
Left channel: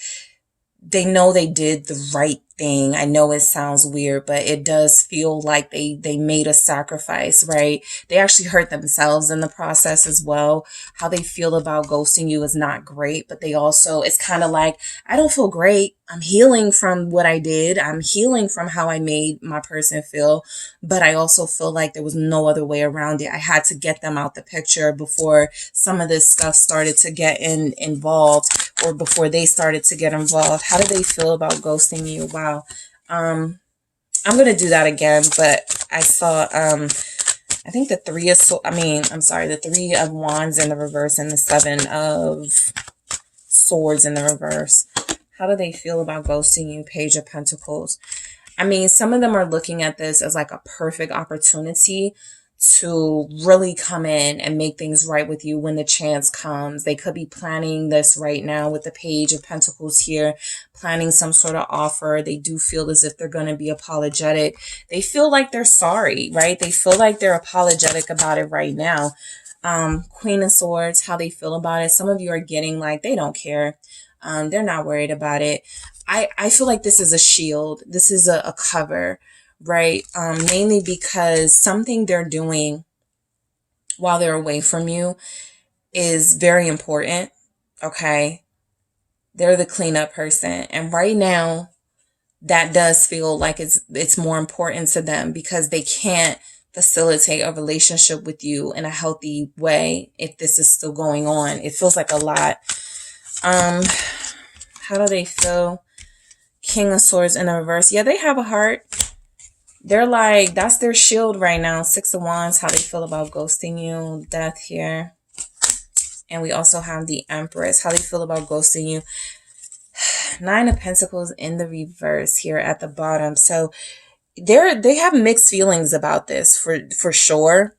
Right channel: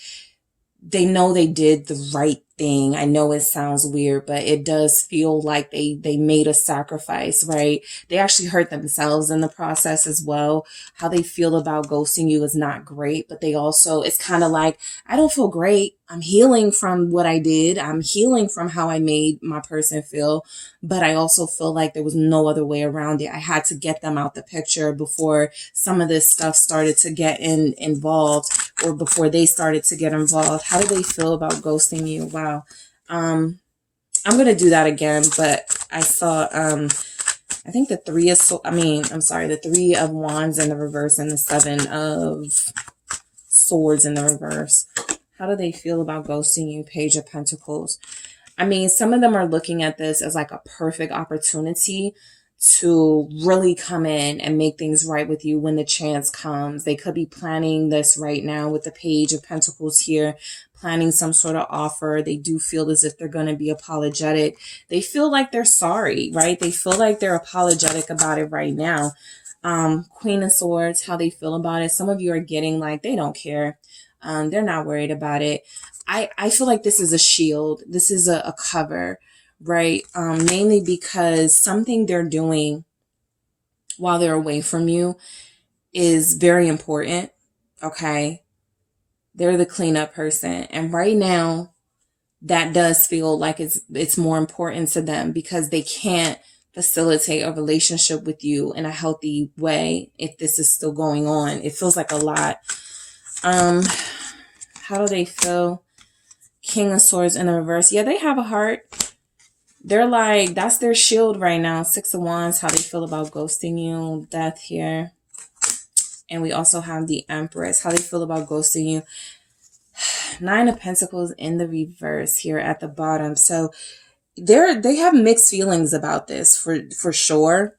they know they did the right thing. I know it sounds weird, but it does feel like they made a sacrifice, right? They actually hurt themselves in the process as well. How they feel about ghosting you is not great, but they also, it's kind of like, I don't feel great. I'm healing from what I did. I'm healing from how I made my person feel, but I also feel like there was no other way around it. I had to get them out the picture before some of this stuff started to get involved, or before they started to get involved. How do they feel about ghosting you? Wow. I'm going to do that again, but I saw, I think the the Three of Wands in the reverse and the Seven of Swords in the reverse. How do they feel about ghosting you? Page of Pentacles. I mean, some of them are looking at this as like a perfect opportunity to really come in and make things right with you when the chance comes. They could be planning this right now with the Page of Pentacles here, planning some sort of offer. They do feel as if they're going to be apologetic. They feel like they're sorry, right? They feel like they're apologetic about it right now. Queen of Swords, how they feel about it. Some of you are getting like, they don't care. They're not worried about it. I feel like this is a shield. This is a cover, right? Mainly because something they're doing while they're away from you is very important. Okay. They're the cleanup person. And right now that does feel like it's more important to them because they can't facilitate a relationship with you in a healthy way if this is still going on. It feels like a lot. How do they feel? King of Swords in the reverse. Yeah, they have a heart. They're like, that's their shield right now. Six of Wands, how they feel about ghosting you. Death here. And we also have the Empress, how they feel about ghosting you. Nine of Pentacles in the reverse here at the bottom. So they have mixed feelings about this for sure.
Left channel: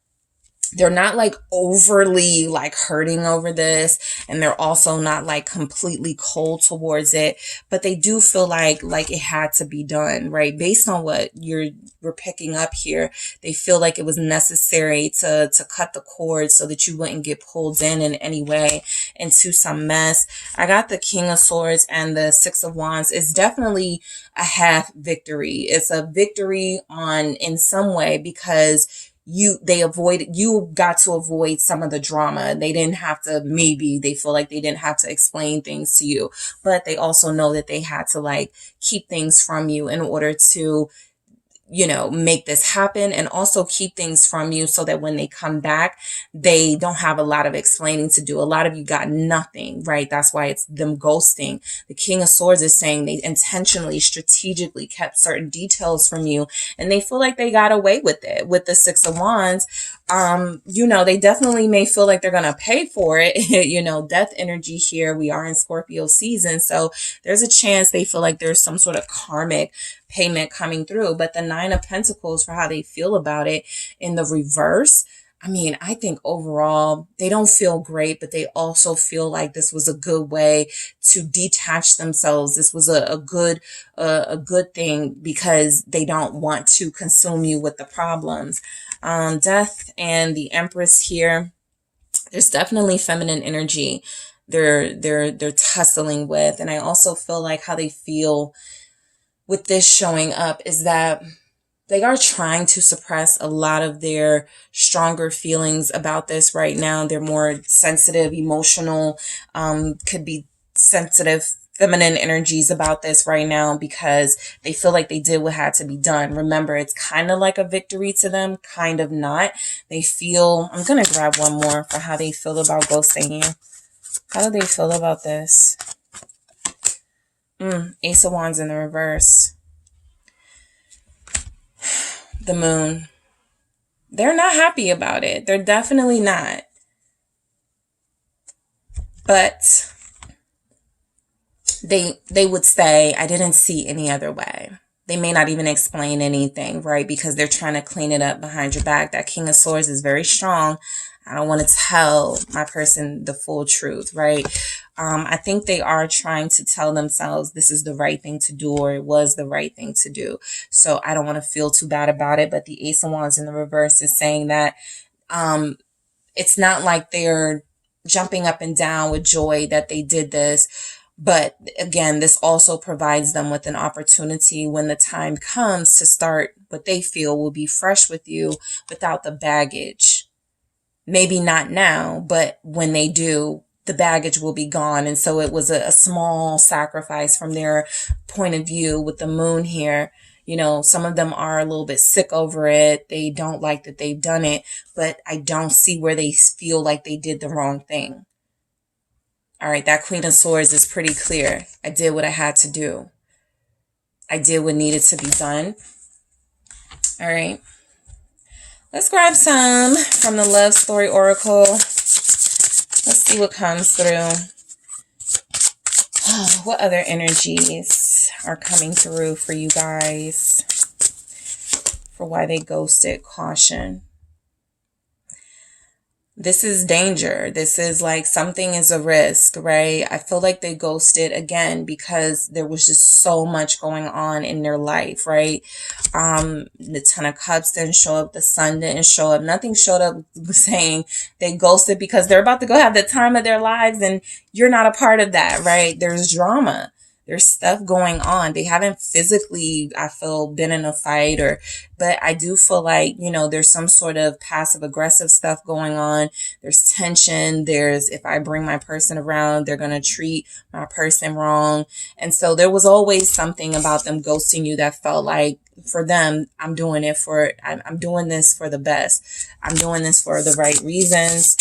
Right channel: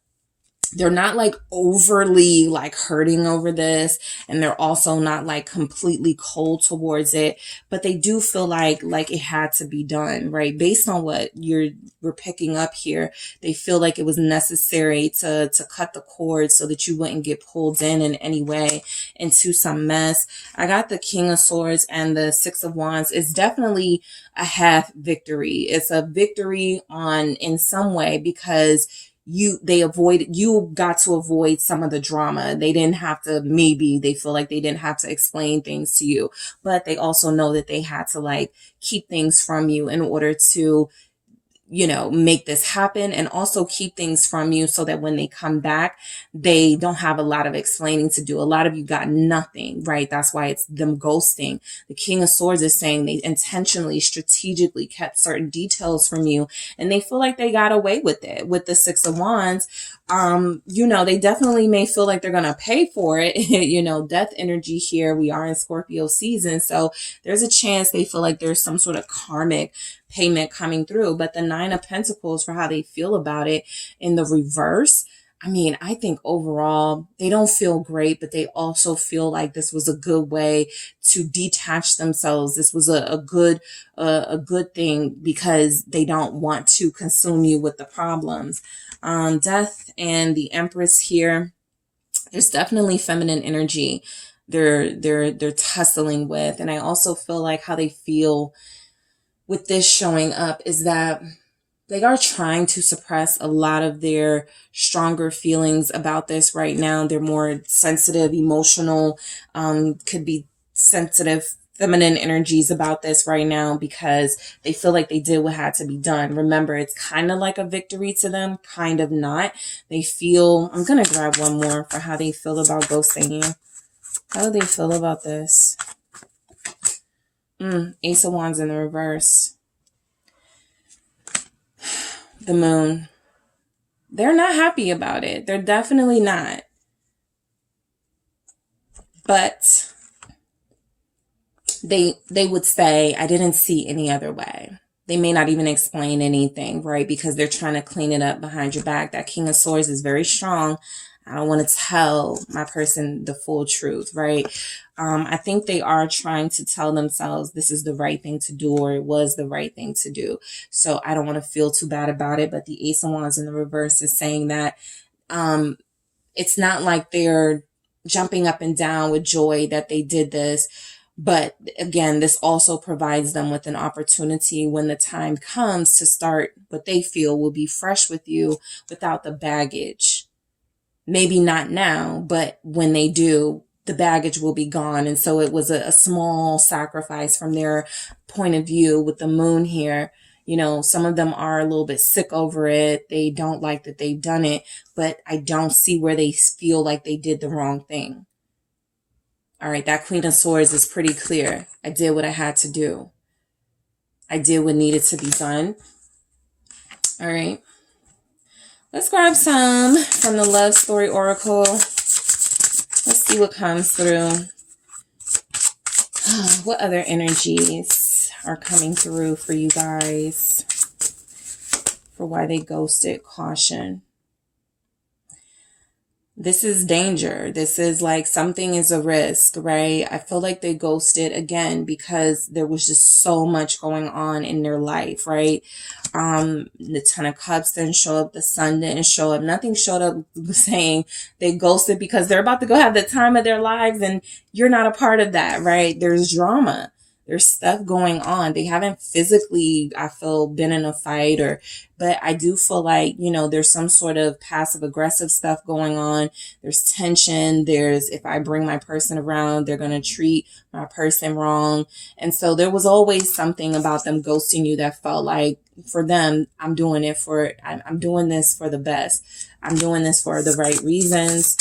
They're not like overly like hurting over this, and they're also not like completely cold towards it, but they do feel like it had to be done, right? Based on what we're picking up here, they feel like it was necessary to cut the cord so that you wouldn't get pulled in any way into some mess. I got the King of Swords and the Six of Wands. It's definitely a half victory. It's a victory in some way because you got to avoid some of the drama. They didn't have to, they feel like they didn't have to explain things to you, but they also know that they had to like keep things from you in order to, make this happen, and also keep things from you so that when they come back, they don't have a lot of explaining to do. A lot of you got nothing, right? That's why it's them ghosting. The King of Swords is saying they intentionally, strategically kept certain details from you, and they feel like they got away with it. With the Six of Wands, they definitely may feel like they're going to pay for it. Death energy here. We are in Scorpio season. So there's a chance they feel like there's some sort of karmic payment coming through. But the Nine of Pentacles, for how they feel about it in the reverse, I think overall they don't feel great, but they also feel like this was a good way to detach themselves. This was a good thing because they don't want to consume you with the problems. Death and the Empress here. There's definitely feminine energy they're tussling with, and I also feel like how they feel with this showing up is that they are trying to suppress a lot of their stronger feelings about this right now. They're more sensitive, emotional, could be sensitive, feminine energies about this right now because they feel like they did what had to be done. Remember, it's kind of like a victory to them, kind of not. They feel, I'm going to grab one more for how they feel about ghosting you. How do they feel about this? Ace of Wands in the reverse. The Moon. They're not happy about it. They're definitely not. But they would say, I didn't see any other way. They may not even explain anything, right? Because they're trying to clean it up behind your back. That King of Swords is very strong. I don't want to tell my person the full truth, right? I think they are trying to tell themselves this is the right thing to do, or it was the right thing to do. So I don't want to feel too bad about it. But the Ace of Wands in the reverse is saying that it's not like they're jumping up and down with joy that they did this. But again, this also provides them with an opportunity when the time comes to start what they feel will be fresh with you without the baggage. Maybe not now, but when they do, the baggage will be gone. And so it was a small sacrifice from their point of view with the moon here. You know, some of them are a little bit sick over it. They don't like that they've done it, but I don't see where they feel like they did the wrong thing. All right, that Queen of Swords is pretty clear. I did what I had to do. I did what needed to be done. All right. Let's grab some from the Love Story Oracle. Let's see what comes through. What other energies are coming through for you guys? For why they ghosted. Caution. This is danger. This is like something is a risk, right? I feel like they ghosted again because there was just so much going on in their life, right? The Ten of Cups didn't show up. The Sun didn't show up. Nothing showed up saying they ghosted because they're about to go have the time of their lives and you're not a part of that, right? There's drama. There's stuff going on. They haven't physically, I feel, been in a fight but I do feel like, you know, there's some sort of passive aggressive stuff going on. There's tension. If I bring my person around, they're going to treat my person wrong. And so there was always something about them ghosting you that felt like for them, I'm doing this for the best. I'm doing this for the right reasons.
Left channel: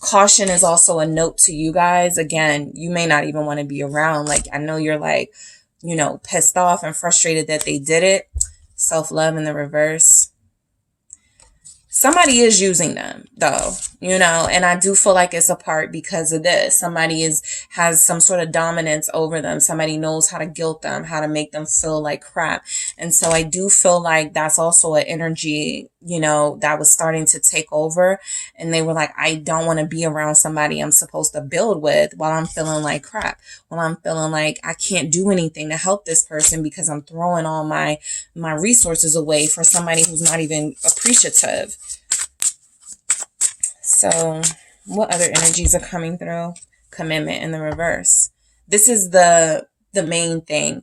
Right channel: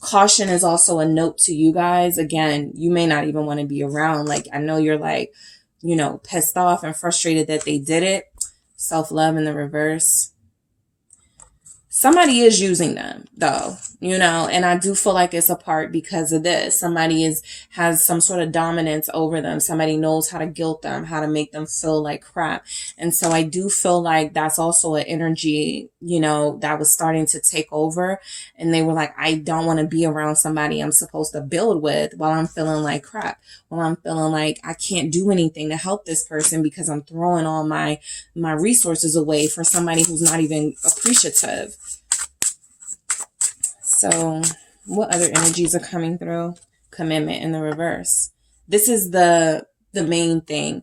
Caution is also a note to you guys. Again, you may not even want to be around. Like, I know you're like, you know, pissed off and frustrated that they did it. Self-love in the reverse. Somebody is using them though, you know, and I do feel like it's a part because of this. Somebody has some sort of dominance over them. Somebody knows how to guilt them, how to make them feel like crap. And so I do feel like that's also an energy, you know, that was starting to take over. And they were like, I don't want to be around somebody I'm supposed to build with while I'm feeling like crap. While I'm feeling like I can't do anything to help this person because I'm throwing all my resources away for somebody who's not even appreciative. So what other energies are coming through? Commitment in the reverse. This is the main thing.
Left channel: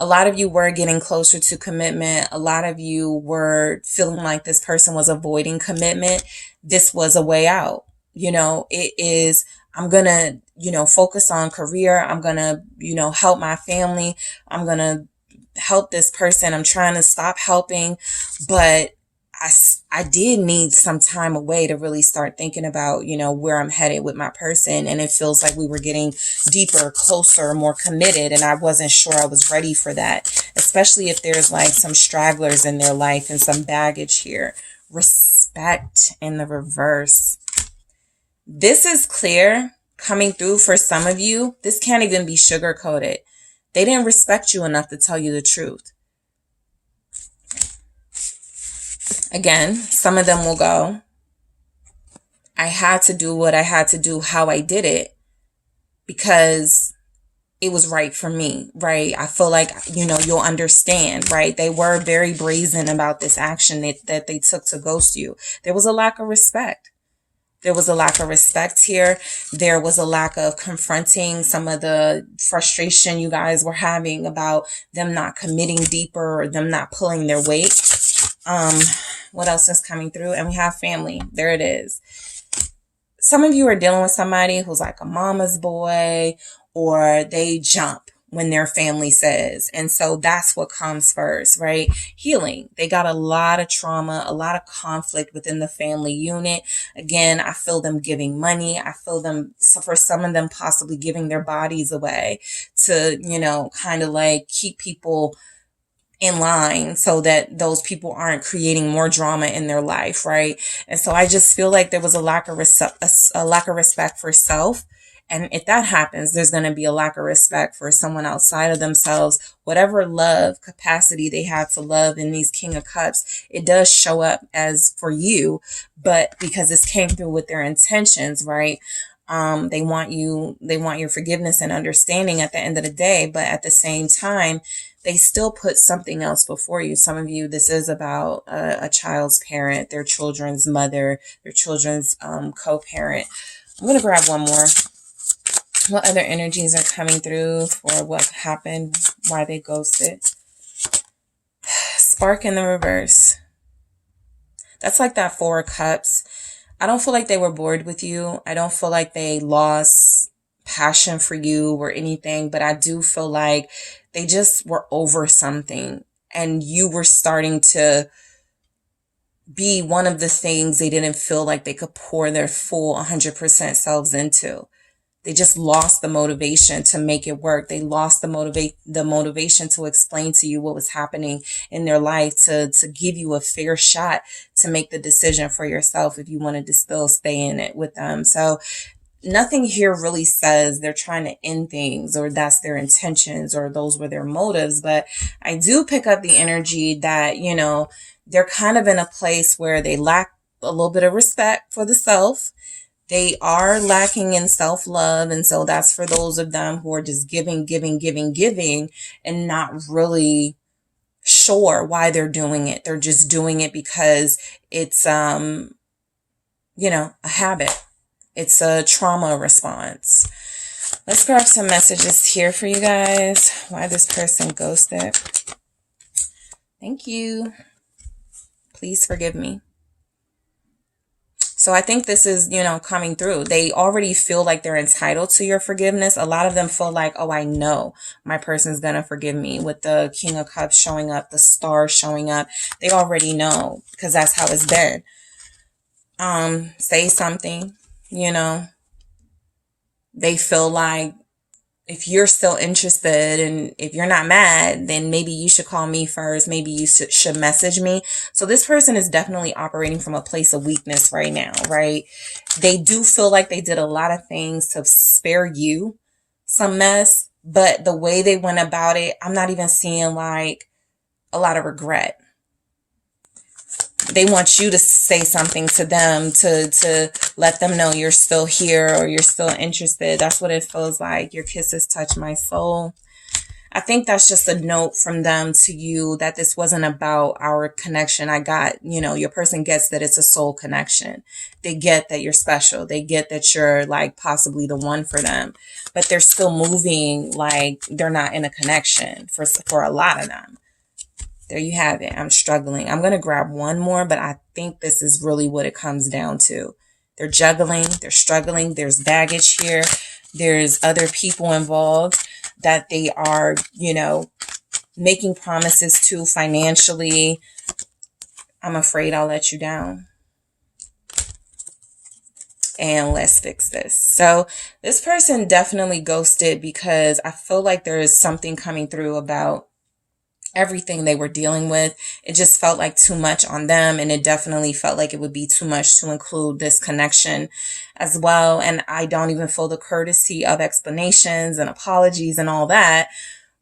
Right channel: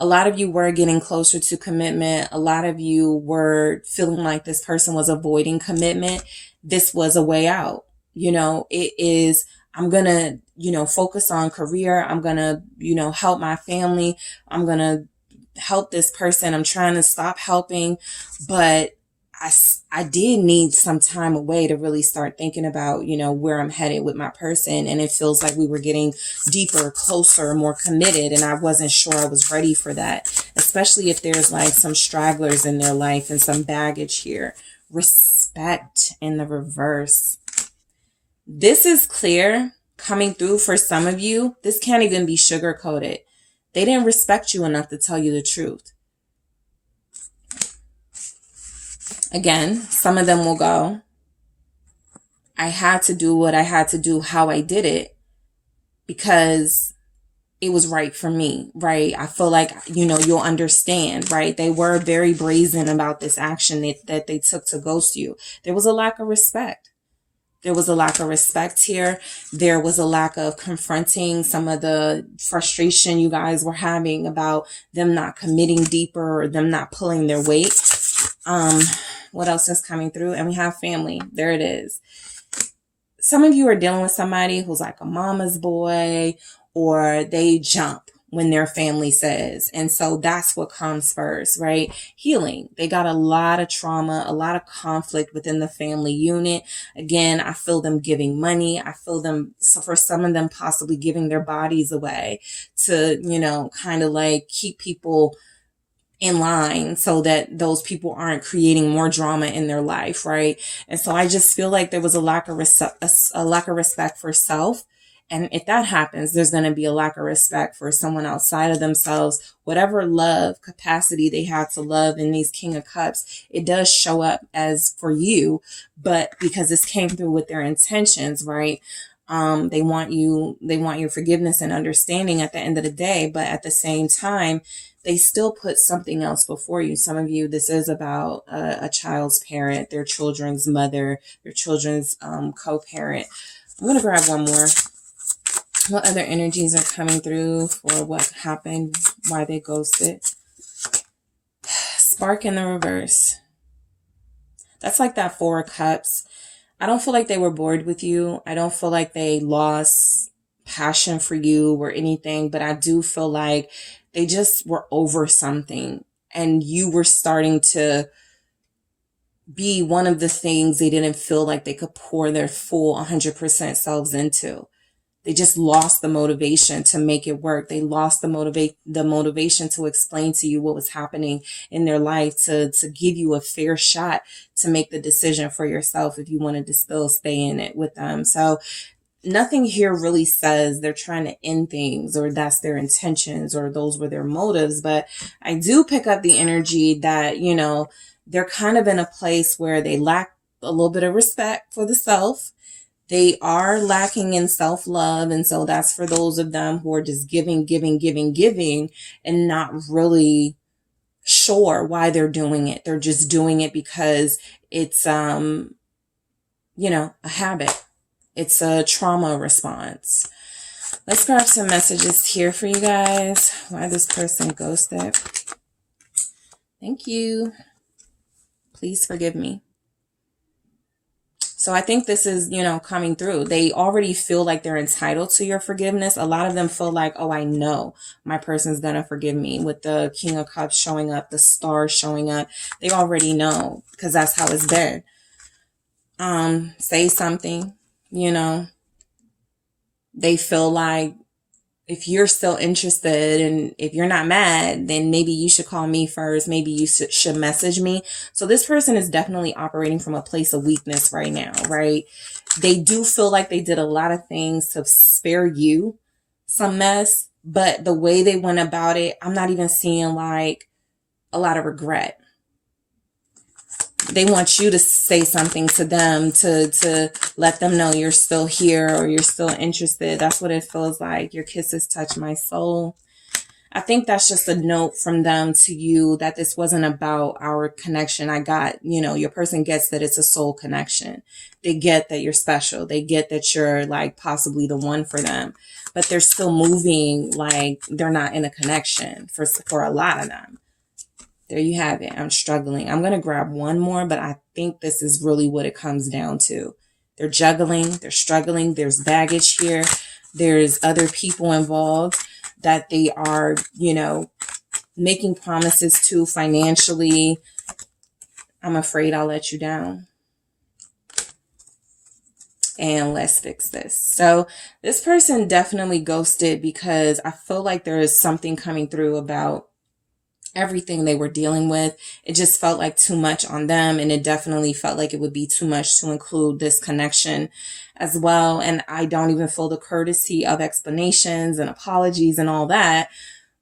A lot of you were getting closer to commitment. A lot of you were feeling like this person was avoiding commitment. This was a way out. You know, it is, I'm going to, you know, focus on career. I'm going to, you know, help my family. I'm going to help this person. I'm trying to stop helping, but I did need some time away to really start thinking about, you know, where I'm headed with my person. And it feels like we were getting deeper, closer, more committed. And I wasn't sure I was ready for that, especially if there's like some stragglers in their life and some baggage here. Respect in the reverse. This is clear coming through for some of you. This can't even be sugar coated. They didn't respect you enough to tell you the truth. Again, some of them will go, I had to do what I had to do, how I did it, because it was right for me, right? I feel like, you know, you'll understand, right? They were very brazen about this action that they took to ghost you. There was a lack of respect. There was a lack of respect here. There was a lack of confronting some of the frustration you guys were having about them not committing deeper or them not pulling their weight. What else is coming through? And we have family. There it is. Some of you are dealing with somebody who's like a mama's boy, or they jump when their family says. And so that's what comes first, right? Healing. They got a lot of trauma, a lot of conflict within the family unit. Again, I feel them giving money. I feel them, so for some of them, possibly giving their bodies away to, you know, kind of like keep people in line so that those people aren't creating more drama in their life, right? And so I just feel like there was a lack of respect for self And if that happens, there's going to be a lack of respect for someone outside of themselves. Whatever love capacity they have to love in these King of Cups, it does show up as for you, but because this came through with their intentions, right? They want your forgiveness and understanding at the end of the day, but at the same time, they still put something else before you. Some of you, this is about a child's parent, their children's mother, their children's co-parent. I'm going to grab one more. What other energies are coming through for what happened, why they ghosted? Spark in the reverse. That's like that Four of Cups. I don't feel like they were bored with you. I don't feel like they lost passion for you or anything, but I do feel like they just were over something and you were starting to be one of the things they didn't feel like they could pour their full 100% selves into. They just lost the motivation to make it work. They lost the motivation to explain to you what was happening in their life, to give you a fair shot to make the decision for yourself if you wanted to still stay in it with them. So nothing here really says they're trying to end things or that's their intentions or those were their motives. But I do pick up the energy that, you know, they're kind of in a place where they lack a little bit of respect for the self. They are lacking in self-love. And so that's for those of them who are just giving, and not really sure why they're doing it. They're just doing it because it's, you know, a habit. It's a trauma response. Let's grab some messages here for you guys. Why this person ghosted. Thank you. Please forgive me. So I think this is, you know, coming through. They already feel like they're entitled to your forgiveness. A lot of them feel like, oh, I know my person's going to forgive me. With the King of Cups showing up, the Star showing up, they already know because that's how it's been. Say something, you know. They feel like if you're still interested and if you're not mad, then maybe you should call me first. Maybe you should message me. So this person is definitely operating from a place of weakness right now, right? They do feel like they did a lot of things to spare you some mess, but the way they went about it, I'm not even seeing like a lot of regret. They want you to say something to them to let them know you're still here or you're still interested. That's what it feels like. Your kisses touch my soul. I think that's just a note from them to you that this wasn't about our connection. I got, you know, your person gets that it's a soul connection. They get that you're special. They get that you're like possibly the one for them, but they're still moving like they're not in a connection for a lot of them. There you have it. I'm struggling. I'm going to grab one more, but I think this is really what it comes down to. They're juggling. They're struggling. There's baggage here. There's other people involved that they are, you know, making promises to financially. I'm afraid I'll let you down. And let's fix this. So this person definitely ghosted because I feel like there is something coming through about everything they were dealing with. It just felt like too much on them. And it definitely felt like it would be too much to include this connection as well. And I don't even feel the courtesy of explanations and apologies and all that.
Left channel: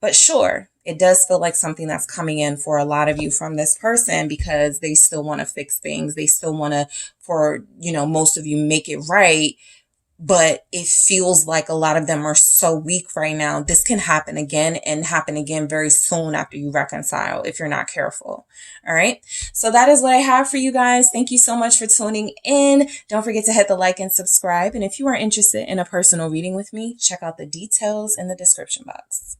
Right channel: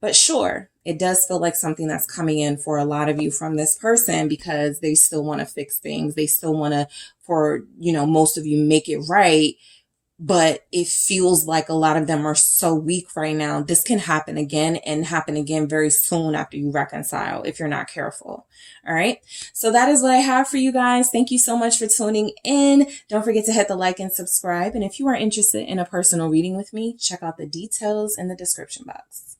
But sure, it does feel like something that's coming in for a lot of you from this person because they still want to fix things. They still want to, for, you know, most of you make it right. But it feels like a lot of them are so weak right now. This can happen again and happen again very soon after you reconcile if you're not careful. All right. So that is what I have for you guys. Thank you so much for tuning in. Don't forget to hit the like and subscribe. And if you are interested in a personal reading with me, check out the details in the description box.